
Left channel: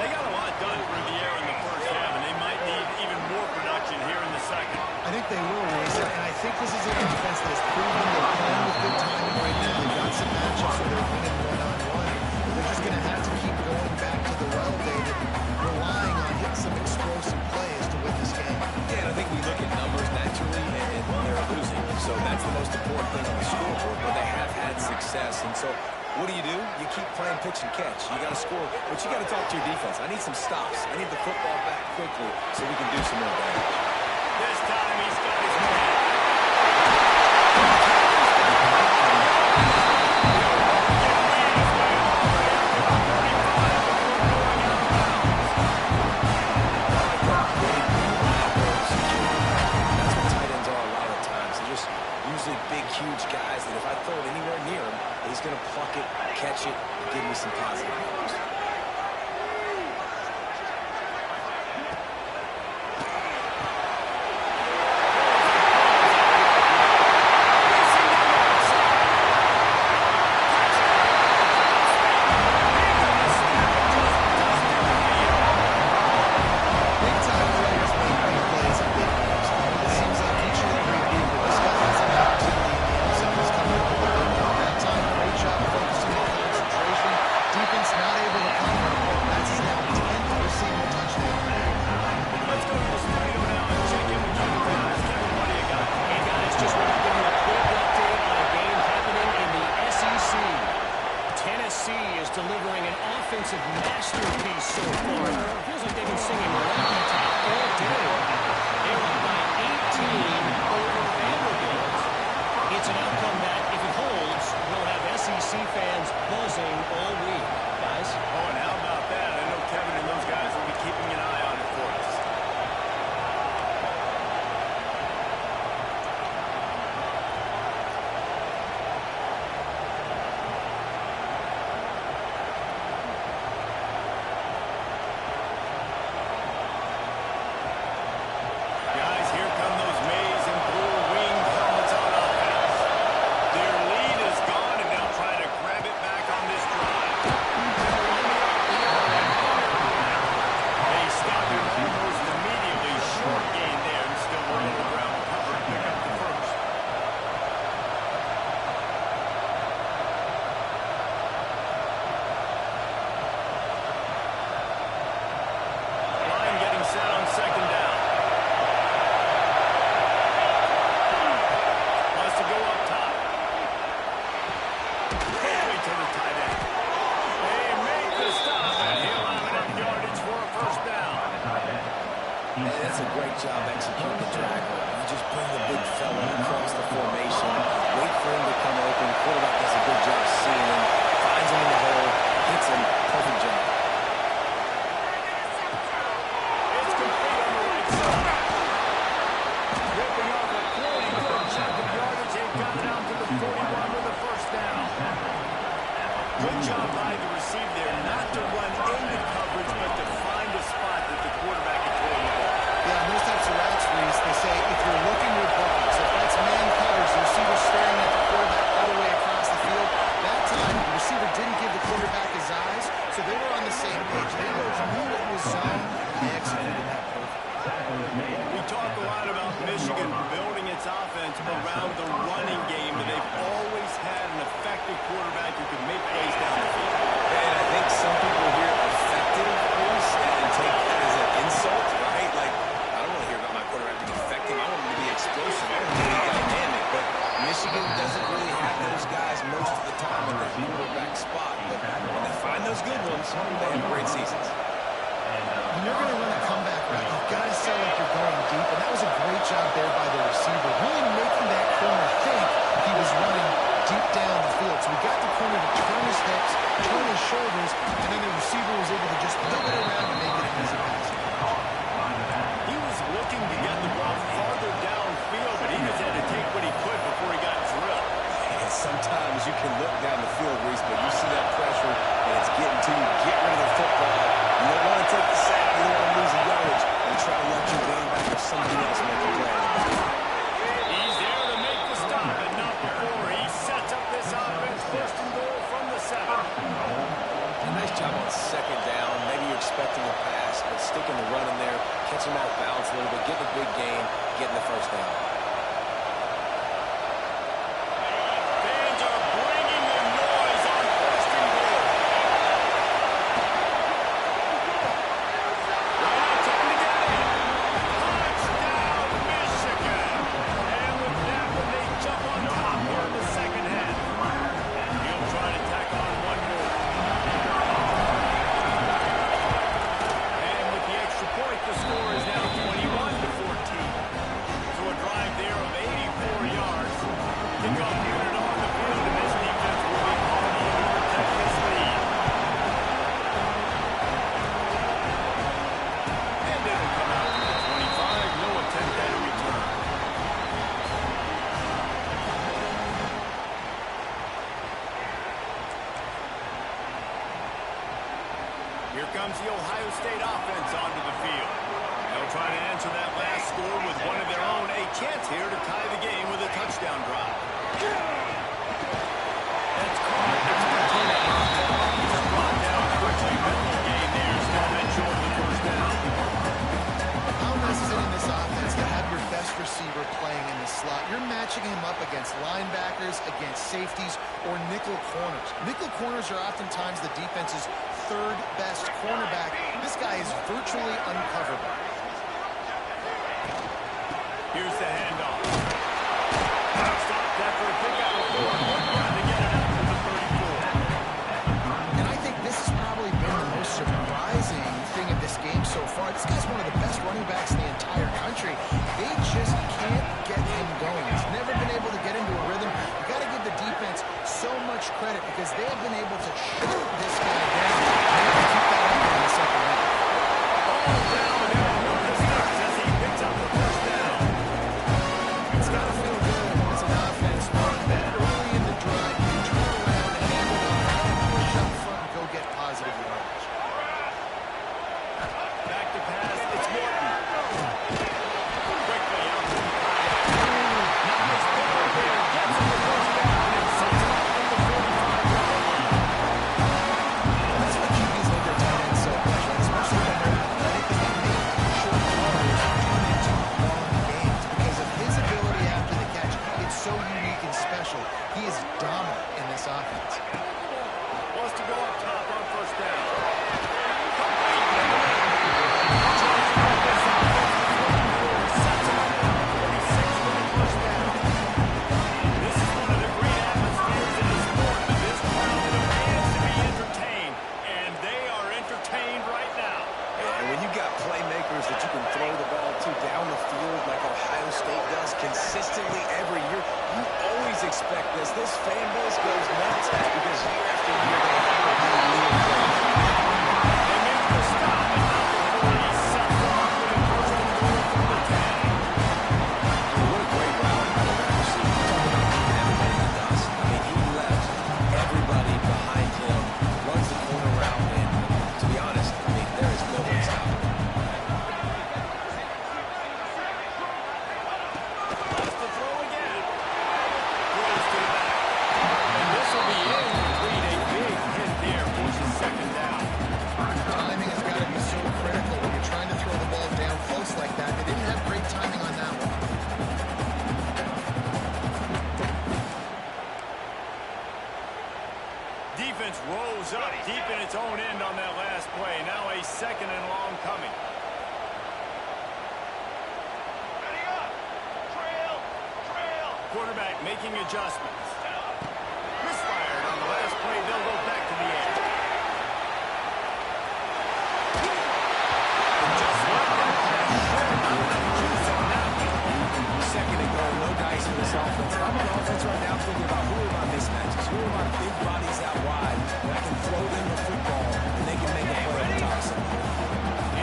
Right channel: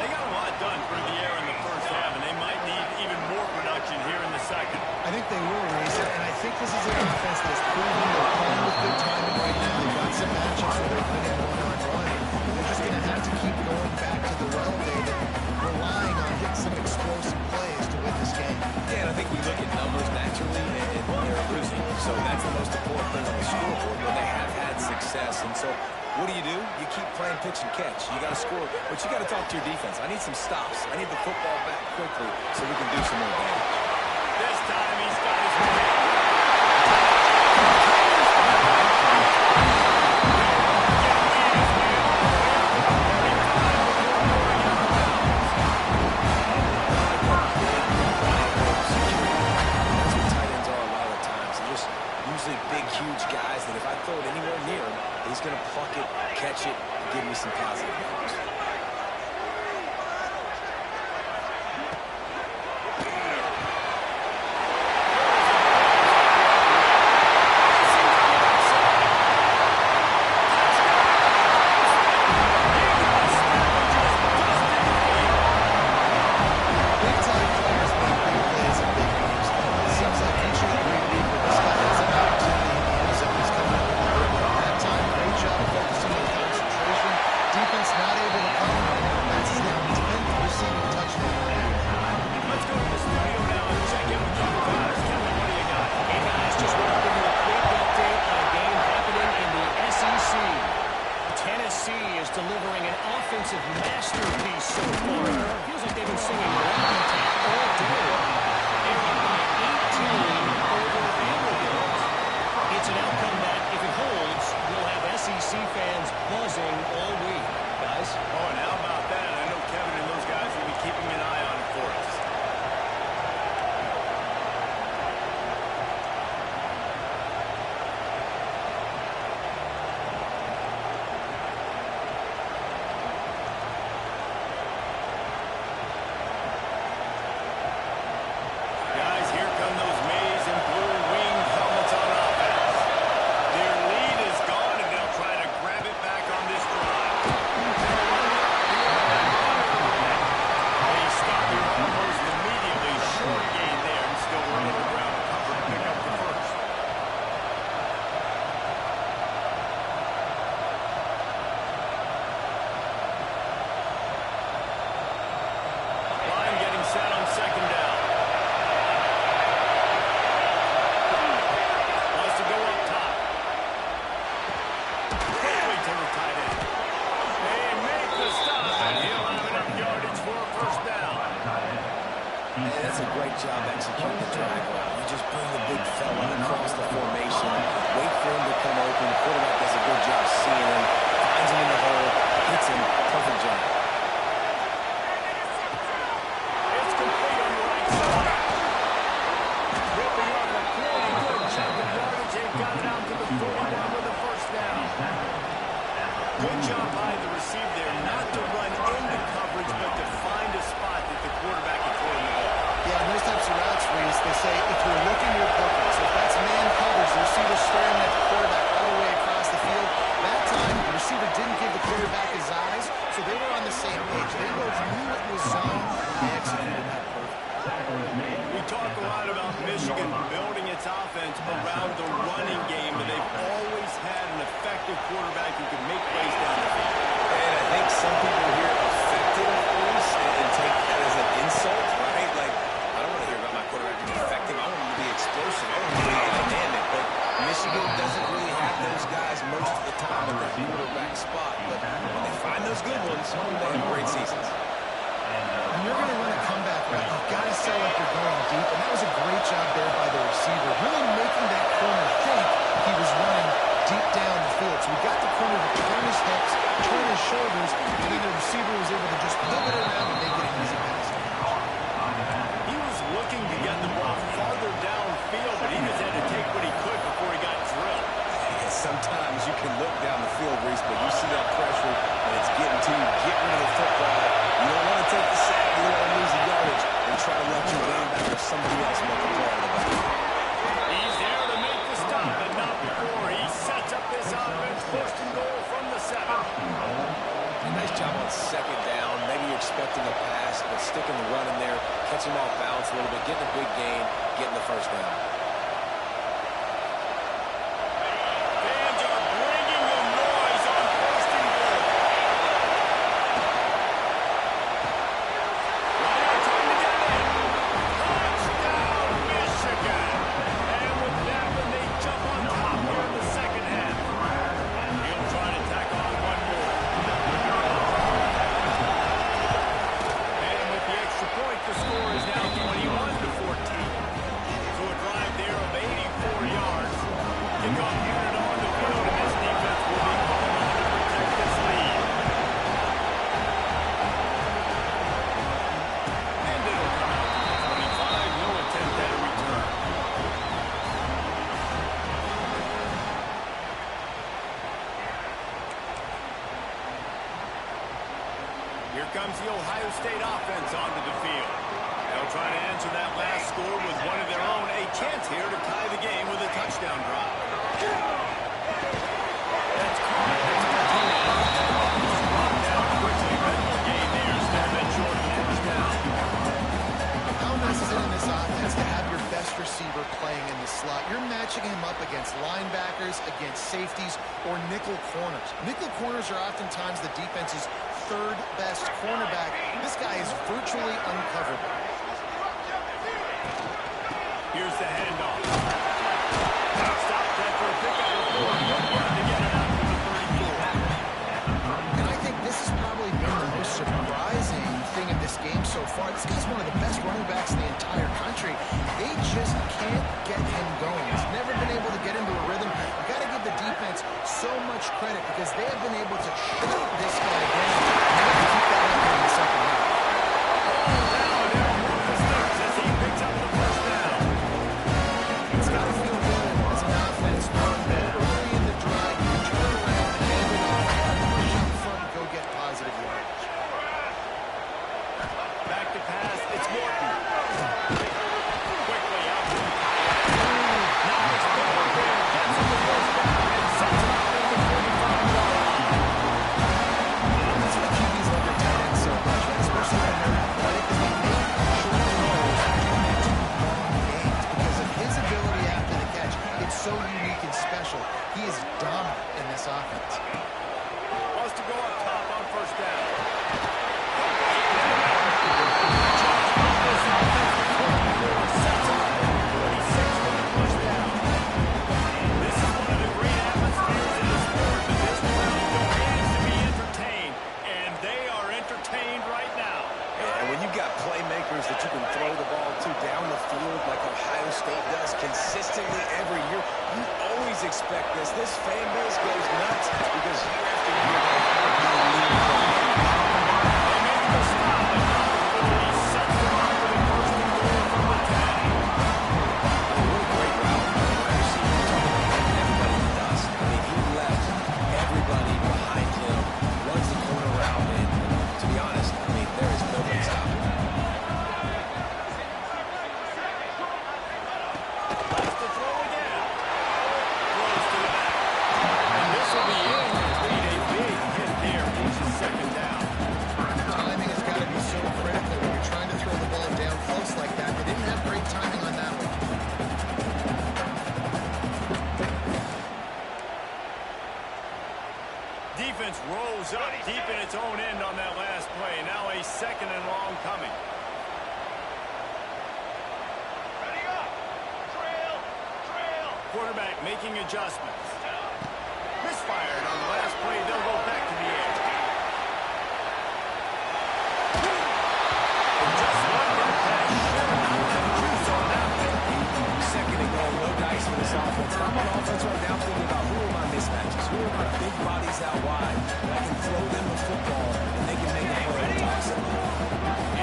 They got a lot done through the air in the first half, and they might need even more production here in the second. I think they will, Reza, and I think this is an offense that has proven they're playing with good timing right now. They've got some matchups where they're winning one-on-one. They're just going to have to keep going back to the well, David, relying on hitting some explosive plays to win this game. Yeah, and I think we look at numbers naturally, and they're losing. So that's the most important thing on the scoreboard, but they have had success. And so what do? You keep playing pitch and catch. You got to score, but you got to talk to your defense. I need some stops. I need the football back quickly so we can do some more damage. This time he's got his man. Usually big, huge guys that if I throw it anywhere near him, he's going to pluck it, catch it, and give me some positive numbers. Delivering an offensive masterpiece so far. It feels like they've been singing Rocky Top all day. They're up by 18 over Vanderbilt. It's an outcome that, if it holds, will have SEC fans buzzing all week. Guys? Oh, and how about that? I know Kevin and those guys will be keeping an eye on it for us. Guys, here come those maize and blue winged helmets on offense. Their lead is gone, and they'll try to grab it back on this drive. They'll run the RPO. They stop him almost immediately. Short gain there, and still were on the ground to cover and pick up the first. Line getting set on second down. To go up top. Quickly to the tight end. They make the stop, and he'll have enough yardage for a first down. Hey, that's a great job executing the drag route. You just bring the big fella across the formation, wait for him to come open. The quarterback does a good job seeing him, finds him in the hole, hits him. Perfect job. It's complete on the right side. Ripping off a pretty good chunk of yardage and got it out to the 41 with a first down. Good job by the receiver there, not to run into coverage, but to find a spot that the quarterback can throw in the ball. Yeah, in those types of routes, Reese, they say if you're looking, you're booking. So if that's man coverage, the receiver's staring at the quarterback all the way across the field. That time, the receiver didn't give the quarterback his eyes, so they were on the same page. They both knew it was zone, and they executed that perfectly. We talk a lot about Michigan building its offense around the running game, but they've always had an effective quarterback who can make plays down the field. And I think some people hear effective, Bruce, and take that as an insult, right? Like, I don't want to hear about my quarterback being effective. I want him to be explosive. I want him to be dynamic. But Michigan doesn't really have those guys most of the time at that quarterback spot. But when they find those good ones, they have great seasons. When you're going to run a comeback route, you've got to sell like you're going deep, and that was a great job there by the receiver, really making that corner think he was running deep down the field. So we got the corner to turn his hips, turn his shoulders, and then the receiver was able to just pivot around and make it an easy pass. He was looking to get the ball farther downfield, but he just had to take what he could before he got drilled. sometimes you can look down the field, Reese, but you see that pressure and it's getting to you. Get rid of the football. You don't want to take the sack. You don't want to lose the yardage and try to let your game back or somebody else make a play out of the back. He's there to make the stop, and not before. He sets up this offense, first and goal from the 7. A nice job on second down. Maybe you're expecting a pass, but sticking the run in there, catching them off balance a little bit, getting a big gain, getting the first down. Fans are bringing the noise on first and goal. Right on time to get in. Touchdown, Michigan. And with that one, they jump on top here in the second half. He'll try to tack on one more. And with the extra point, the score is now 21-14. So a drive there of 84 yards. Kickoff unit on the field, and this defense will be called on to protect this lead. And it'll come out to the 25. No attempt at a return. Here comes the Ohio State offense onto the field. They'll try to answer that last score with one of their own. A chance here to tie the game with a touchdown drive. That's caught. It's Martinez. He's brought down quickly. Mental gain there. Still been short of the first down. How nice is it in this offense to have your best receiver playing in the slot? You're matching him up against linebackers, against safeties, or nickel corners. Nickel corners are oftentimes the defense's third best cornerback. This guy is virtually uncoverable. Here's the handoff. Stopped after a pickup before. Good run to get it out to the 34. And I think this has probably been the most surprising thing of this game so far. This guy's one of the best running backs in the entire country. They just can't get him going. He's never been able to get into a rhythm. You got to give the defense so much credit because they have been able to shut this guy down. They got to keep that up in the second half. All down there on the sticks as he picks up the first down. It's got to feel good as an offense knowing that early in the drive you can turn around and hand it off, push up front, and go get positive yardage. Back to pass. It's Morton. Quickly out to the kayak. Nice ball here. Gets him the first down and sets him up at the 45-yard line. That's what QBs love their tight ends so much, right? Especially when they're athletic, because they make short throws turn into long gains. Because of his ability after the catch, it's so unique and special. He is dominant in this offense. Wants to go up top on first down. Complete. Jones brought this offense to 24. Sets him up at 46 for the first down. This is one of the great atmospheres in the sport, but this crowd demands to be entertained, and they are entertained right now. And when you've got playmakers that you can throw the ball to down the field like Ohio State does consistently every year, you always expect this. This fan base goes nuts because year after year they have a new lead player. They make the stop, but not before he sets them up with a first and goal from the 10. I mean, what a great route by the wide receiver. You're talking about leaving everybody in the dust. I mean, he left everybody behind him, runs the corner route, and to be honest, I mean, there is nobody stopping him. Left to throw again. Throws to the back. And this will be incomplete. A big hit there, forces second down. Timing has got to be so critical when you're trying to throw the ball down close like that. They didn't have great timing on that one. Defense rose up deep in its own end on that last play. Now a second and long coming. Ready up. Trail. Trail. Quarterback making adjustments. Misfired on the last play. They'll go back to the air. And just like that pass, sure, not enough juice on that one. Second and goal, no dice for this offense. I'm on offense right now thinking about who are my mismatches, who are my big bodies out wide, and I can throw them the football, and they can make a play on the top side.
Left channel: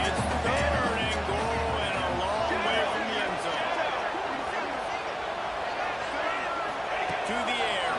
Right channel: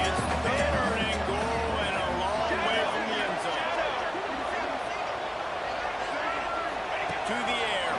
It's third and goal and a long way from the end zone. To the air.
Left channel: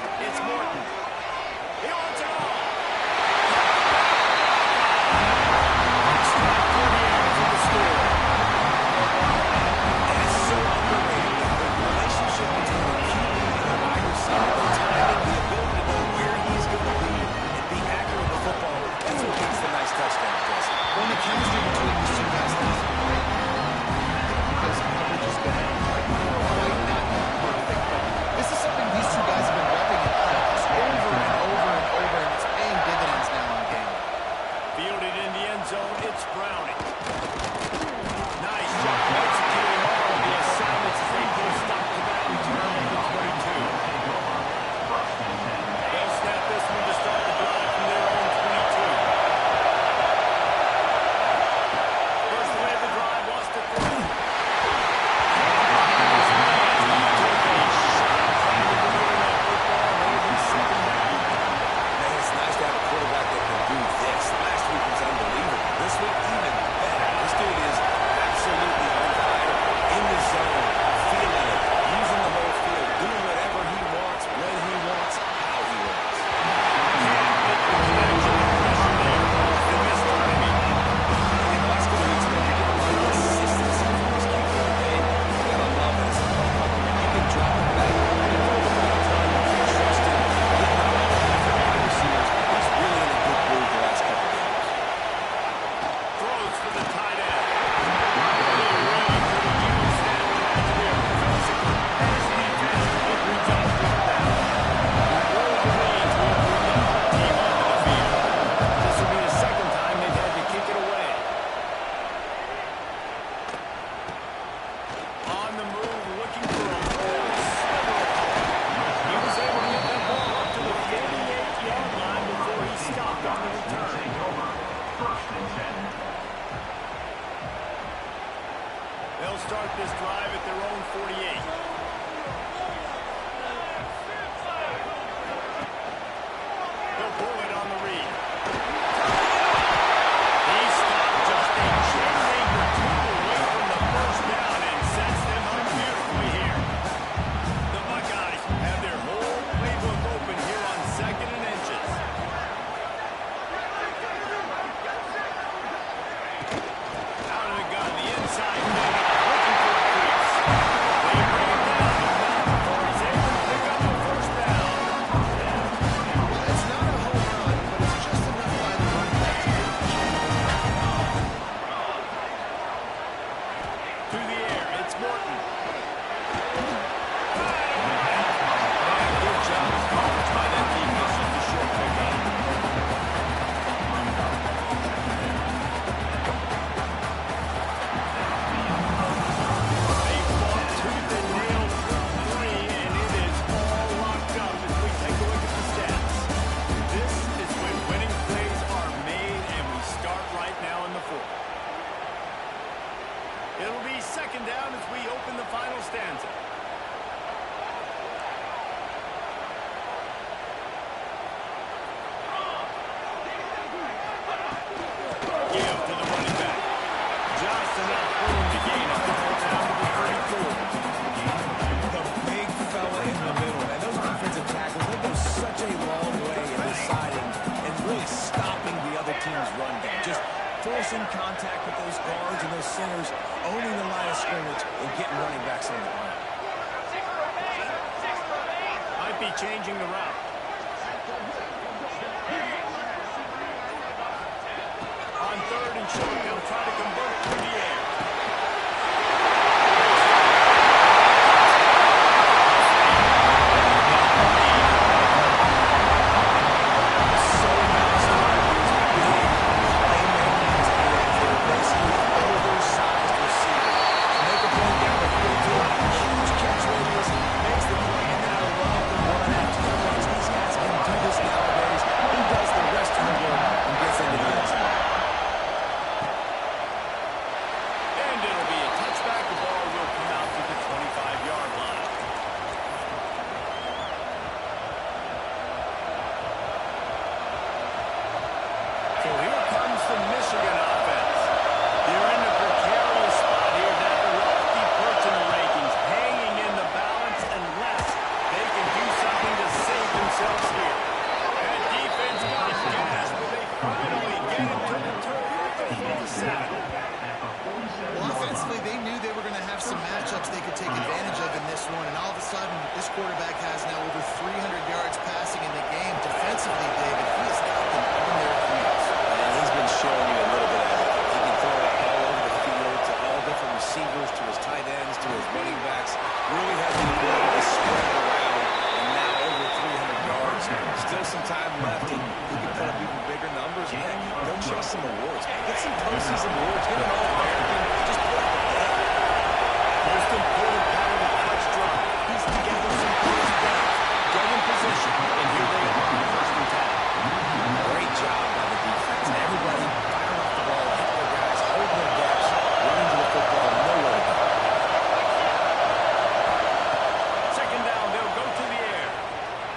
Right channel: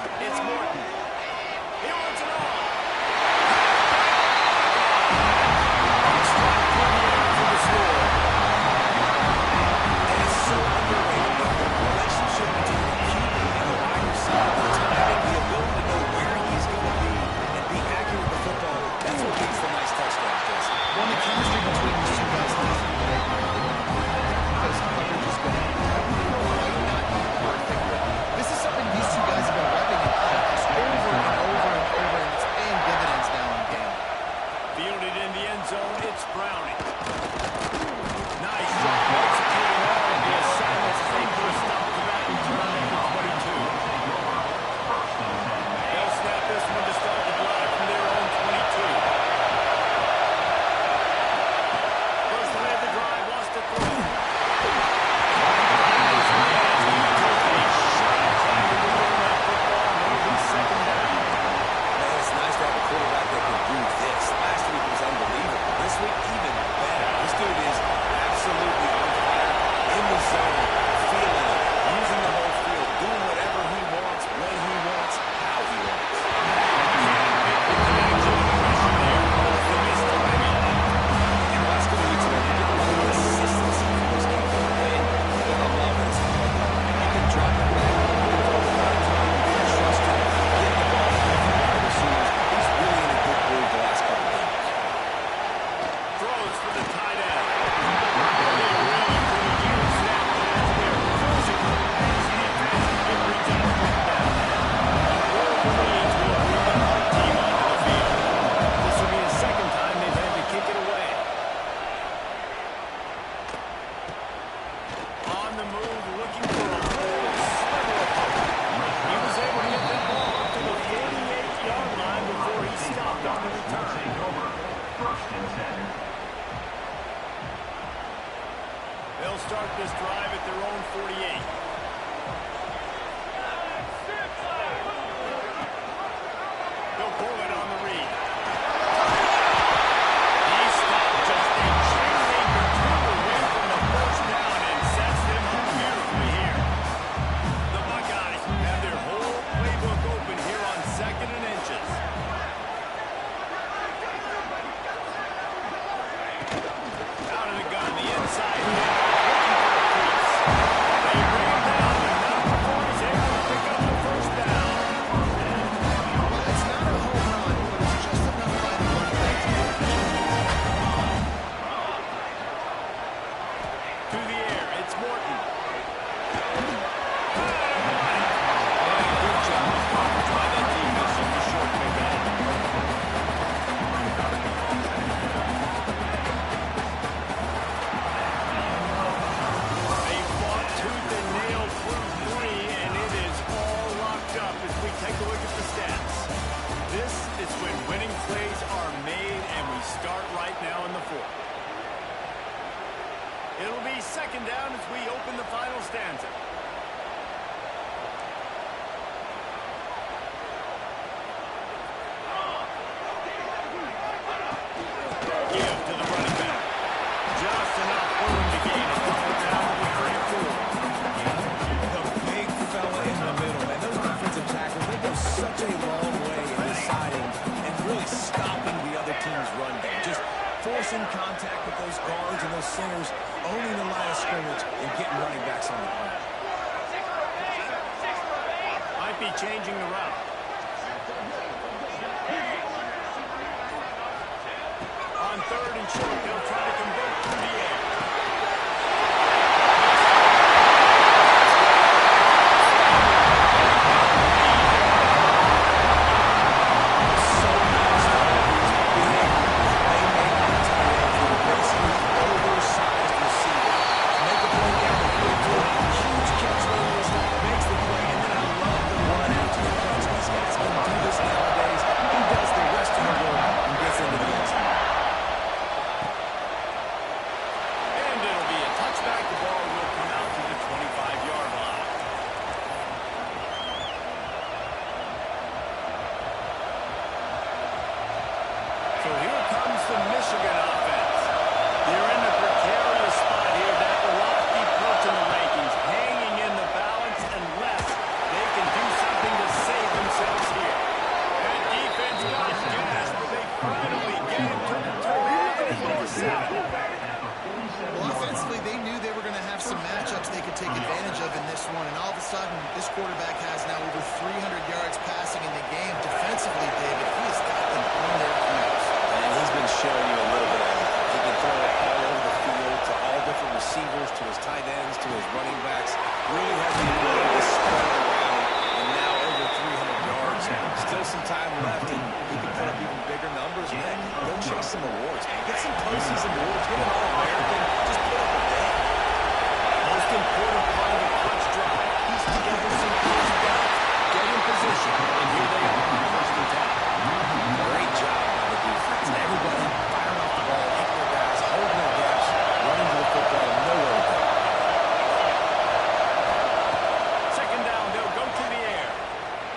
They'll start this drive at their own 48. They'll pull it on the read. He stopped just a chain link or two away from the first down and sets them up beautifully here. The Buckeyes have their whole playbook open here on 2nd and inches. Out of the gun, the inside handoff, looking for a crease. They bring him down, but not before he's able to pick up the first down. Well, it's not a home run, but it's just enough by the running back to get the To the air, it's Morton. And good job of coverage by that defense, just a short pickup. They fought tooth and nail through 3, and it is all locked up as we take a look at the stats. This is when winning plays are made, and we start right now in the 4th. It'll be 2nd down as we open the final stanza. Give to the running back. Just enough room to gain a couple down to the 34. The big fella in the middle. And those defensive tackles, they go such a long way in deciding and really stopping the other team's run game. Just forcing contact with those guards and those centers, owning the line of scrimmage, and getting running backs on the ground. Might be changing the route. On 3rd and short, they'll try to convert through the air. So nice to have these big playmaking tight ends that are basically oversized receivers. Make a play down the field to a huge catch radius, makes the play, and then I love the run after the catch. These guys can do this nowadays. He does the rest of the work and gets into the end zone. And it'll be a touchback. The ball will come out to the 25-yard line. So here comes the Michigan offense. They're in a precarious spot here, that lofty perch in the rankings, hanging in the balance unless they can do something to save themselves here. That defense got gas, but they finally get into the turnover 7. Well, offensively, they knew they were going to have some matchups they could take advantage of in this one, and all of a sudden, this quarterback has now over 300 yards passing in the game. Defensively, David, he has got them on their heels. And he's been showing you a little bit of everything. He can throw it all over the field to all different receivers, to his tight ends, to his running backs. Really has the ability to spread it around, and now over 300 yards. Still some time left, and he can put up even bigger numbers. And heck, go chase some awards. Get some postseason awards. Get an All-American. Just put up a day. Most important part of the clutch drive. Piece together some first down. Get in position, and here they are, 1st and 10. Great job by the defense. Everybody firing off the ball, hitting their guys, holding their gaps, running to the football, nowhere to go. 2nd down, they'll go to the air.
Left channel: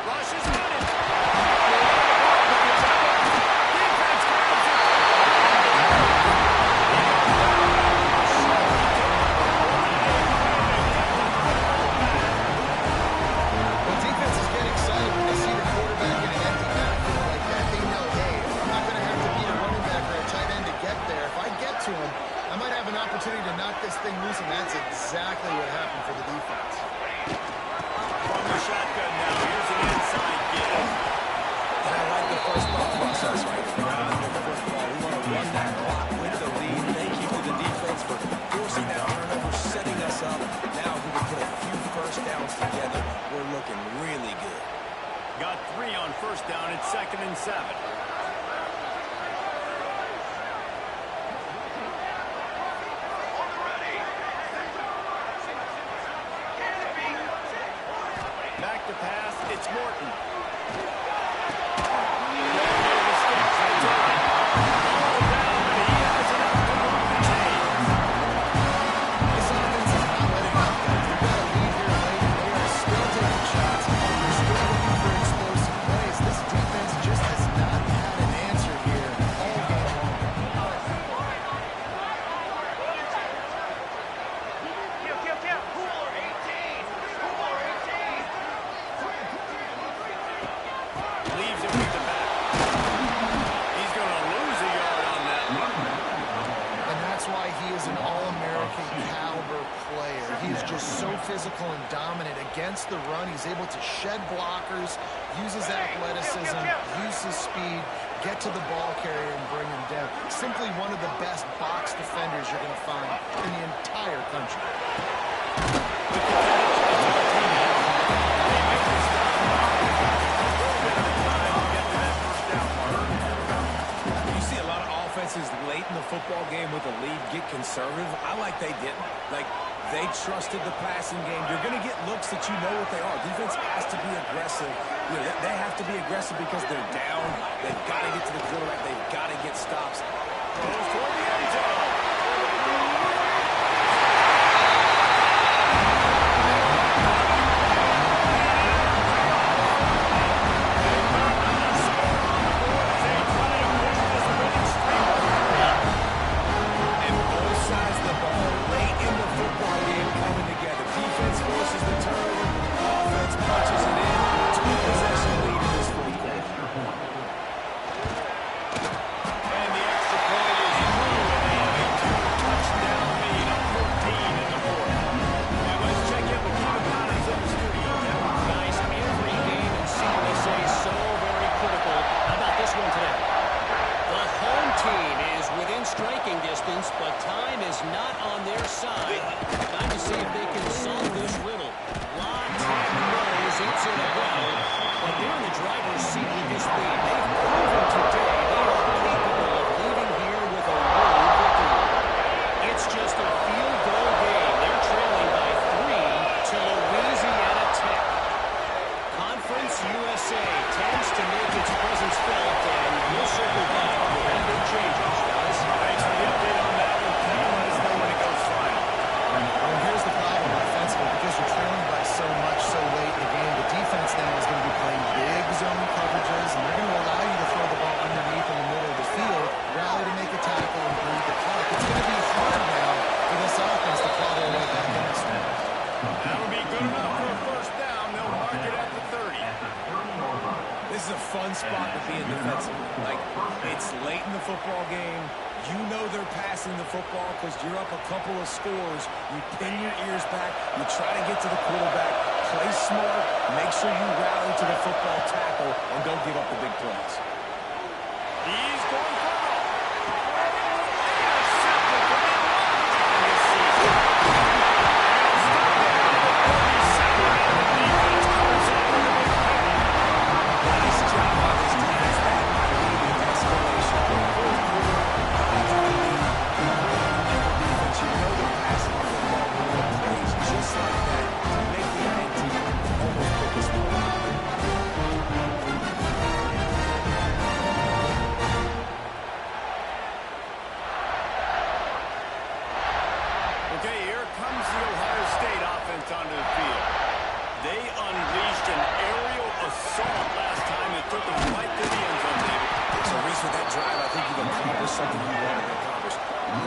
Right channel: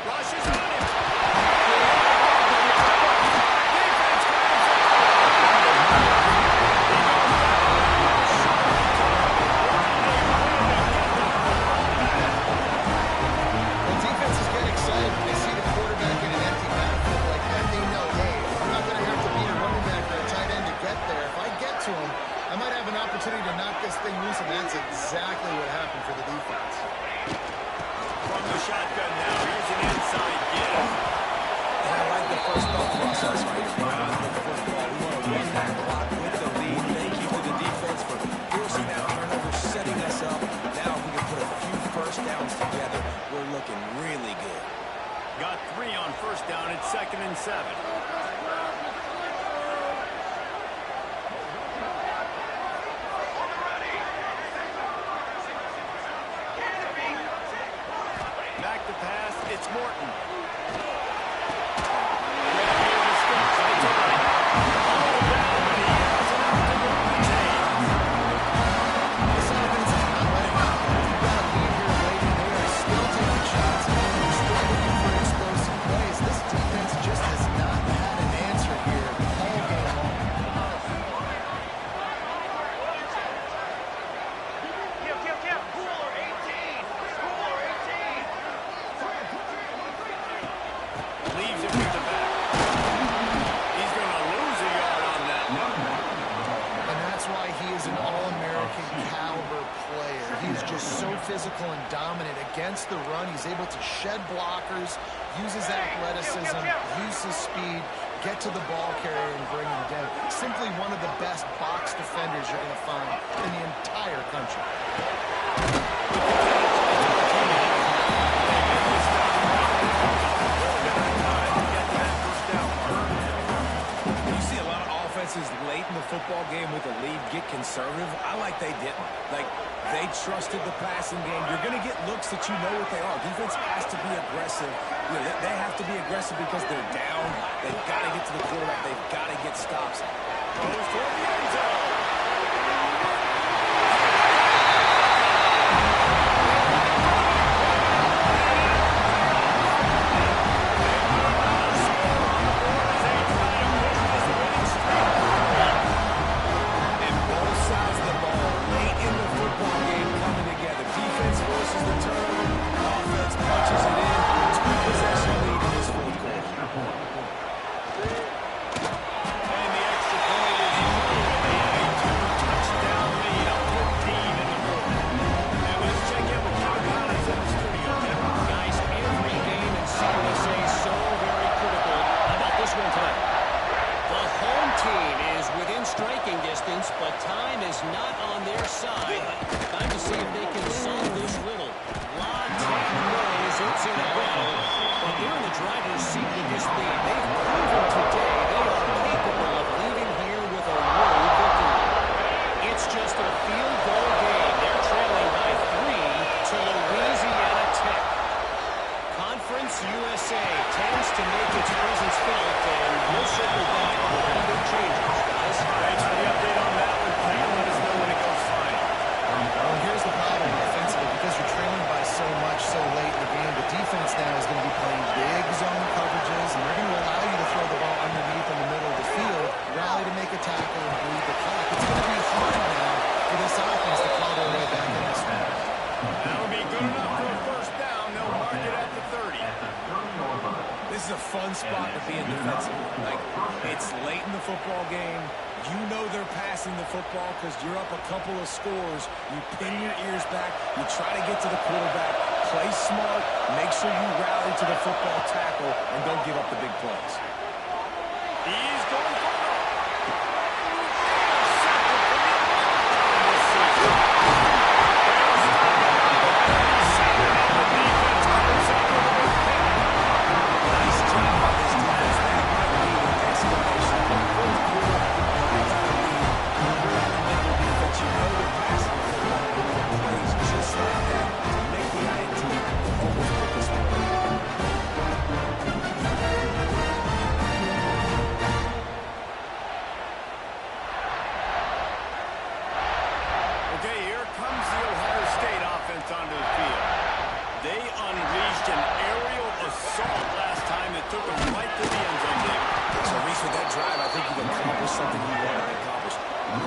Rush is on him. Defense grabs it. He goes down after a short return. What a play to get the football back. Well, defenses get excited when they see the quarterback in an empty backfield like that. They know, hey, I'm not going to have to beat a running back or a tight end to get there. If I get to him, I might have an opportunity to knock this thing loose, and that's exactly what happened for the defense. From the shotgun now, here's an inside give. And I like the first thought process right here. With the football, we want to run that clock with the lead. Thank you to the defense for forcing that turnover, setting us up. Now if we can put a few first downs together, we're looking really good. Got 3 on 1st down. It's 2nd and 7. Back to pass. It's Morton. Grab near the sticks. It's on. All down, but he has enough to move the chains. I saw a All-American caliber player. He's just so physical and dominant against the run. He's able to shed blockers, use his athleticism, use his speed, get to the ball carrier and bring him down. Simply one of the best box defenders you're going to find in the entire country. With the catch, it's Martinez. They make the stop right there. Just a little bit of time to get to that first down mark. You see a lot of offenses late in the football game with a lead get conservative. I like they didn't. Like, they trusted the passing game. You're going to get looks that you know what they are. Defense has to be aggressive. You know, they have to be aggressive because they're down. They've got to get to the quarterback. They've got to get stops. Goes toward the end zone. Football game coming together. Defense forces the turnover. Offense punches it in. 2-possession lead in this fourth quarter. And the extra point is through, and they have a 2-touchdown lead, up 14 in the fourth. And let's check in with Kevin Collins in the studio. Kevin. Guys, every game in CUSA is so very critical. How about this one today? The home team is within striking distance, but time is not on their side. Time to see if they can solve this riddle. La Tech knows it's in a battle, but they're in the driver's seat with this lead. They've proven today they are capable of leaving here with a road victory. It's just a field goal game. They're trailing by 3 to Louisiana Tech. Conference USA tends to make its presence felt, and we'll circle back with any big changes, guys. Thanks for the update on that one, Kevin. Let us know when it goes final. Well, here's the problem offensively. Because you're trailing by so much so late in the game, the defense now is going to be playing big zone coverages, and they're going to allow you to throw the ball underneath in the middle of the field, rally to make a tackle, and bleed the clock. It's going to be hard now for this offense to claw their way back in this one. That'll be good enough for a first down. They'll mark it at the 30. This is a fun spot to be in defensively. Like, it's late in the football game. You know they're passing the football because you're up a couple of scores. You pin your ears back. You try to get to the quarterback. Play smart. Make sure you rally to the football tackle and don't give up the big plays. He's going for it. Intercepted for the 11th time this season. They'll stop it at the 37, and the defense comes up with a big pick. Nice job by this defense. That might be the exclamation point. Fourth quarter, high got a lead. You bring on the nickel defense. You know they're passing the football. And the plays just like that to make the INT almost put this one. Okay, here comes the Ohio State offense onto the field. They unleashed an aerial assault last time that took them right to the end zone, David. So, Reese, with that drive, I think you've accomplished something you wanted to accomplish.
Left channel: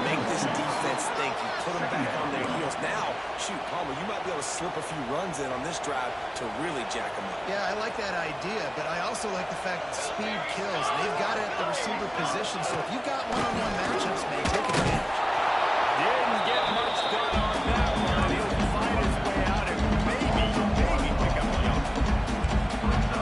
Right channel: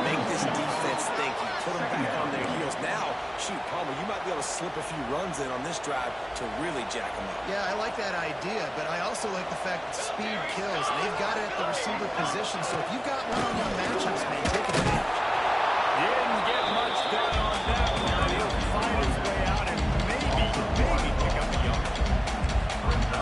Make this defense think. You put them back on their heels. Now, shoot, Palmer, you might be able to slip a few runs in on this drive to really jack them up. Yeah, I like that idea, but I also like the fact that speed kills. They've got it at the receiver position, so if you've got one-on-one matchups, man, take advantage. Didn't get much done on that one. He'll find his way out and maybe pick up a yard.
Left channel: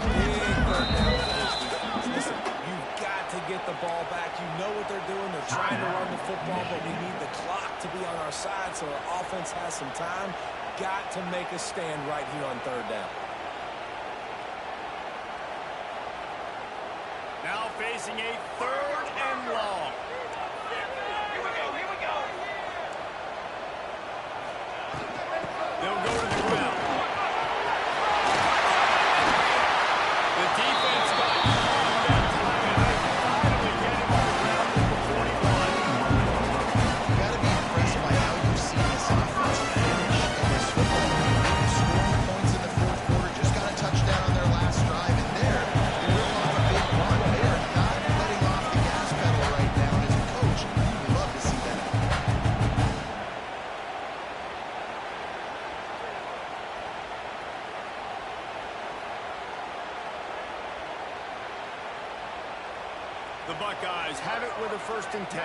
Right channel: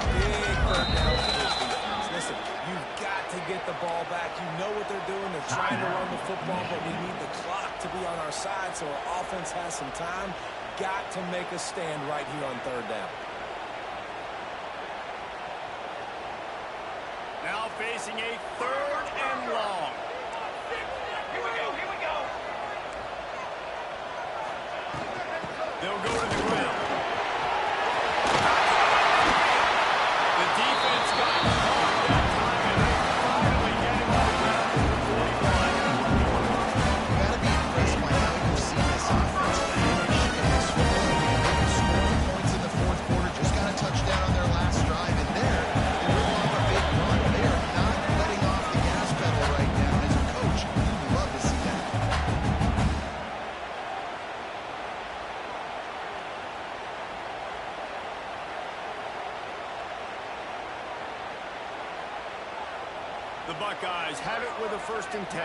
Big third down for this defense. Listen, you've got to get the ball back. You know what they're doing. They're trying to run the football, but we need the clock to be on our side so our offense has some time. Got to make a stand right here on third down. Now facing a 3rd and long. Here we go, here we go. They'll go to the ground. The defense got caught that time, and they finally get him on the ground at the 41. You got to be impressed by how you've seen this offense finish in this football game. They've been scoring points in the fourth quarter, just got a touchdown on their last drive, and there they rip off a big run. They are not letting off the gas pedal right now, and as a coach, you'd love to see that. The Buckeyes have it with a 1st and 10.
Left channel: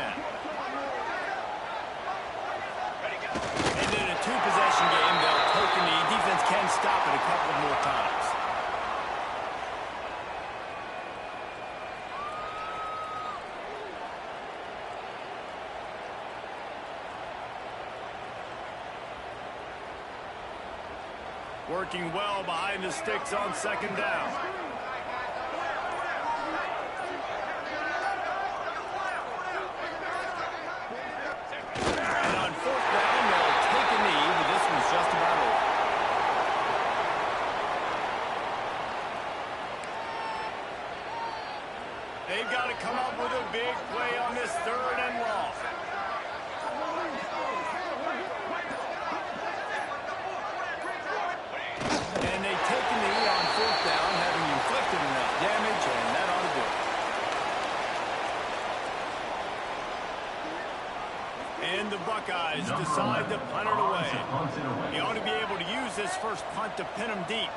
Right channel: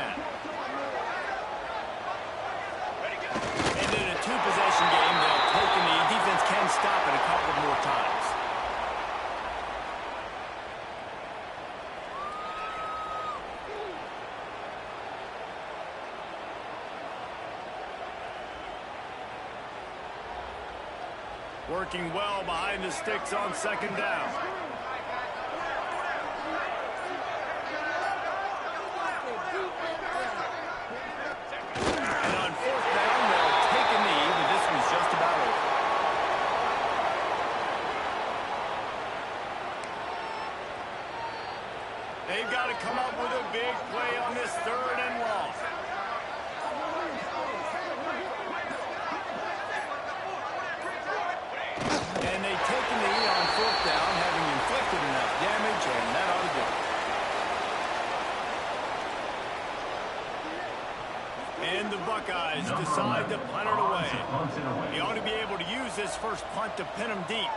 And in a two-possession game, they'll take a knee. Defense can stop it a couple more times. Working well behind the sticks on second down. And on fourth down, they'll take a knee, but this one's just about over. They've got to come up with a big play on this third and long. And they take a knee on fourth down, having inflicted enough damage, and that ought to do it. And the Buckeyes decide to punt it away. He ought to be able to use this first punt to pin them deep.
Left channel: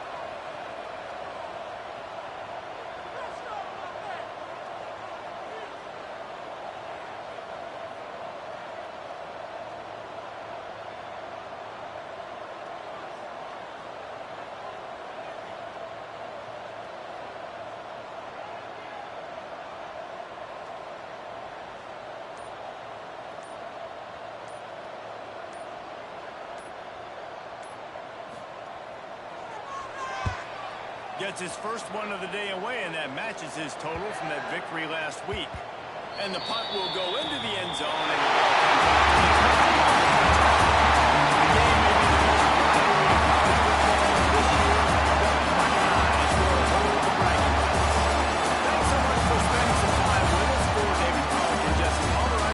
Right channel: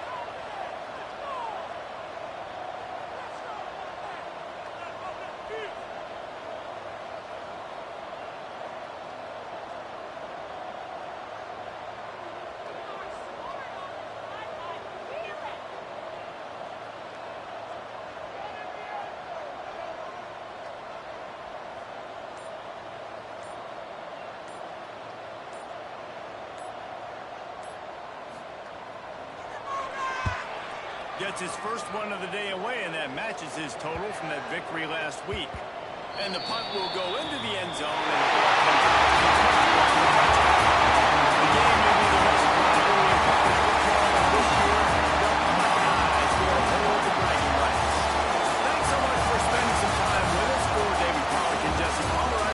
Gets his first one of the day away, and that matches his total from that victory last week. And the punt will go into the end zone, and the ball comes out.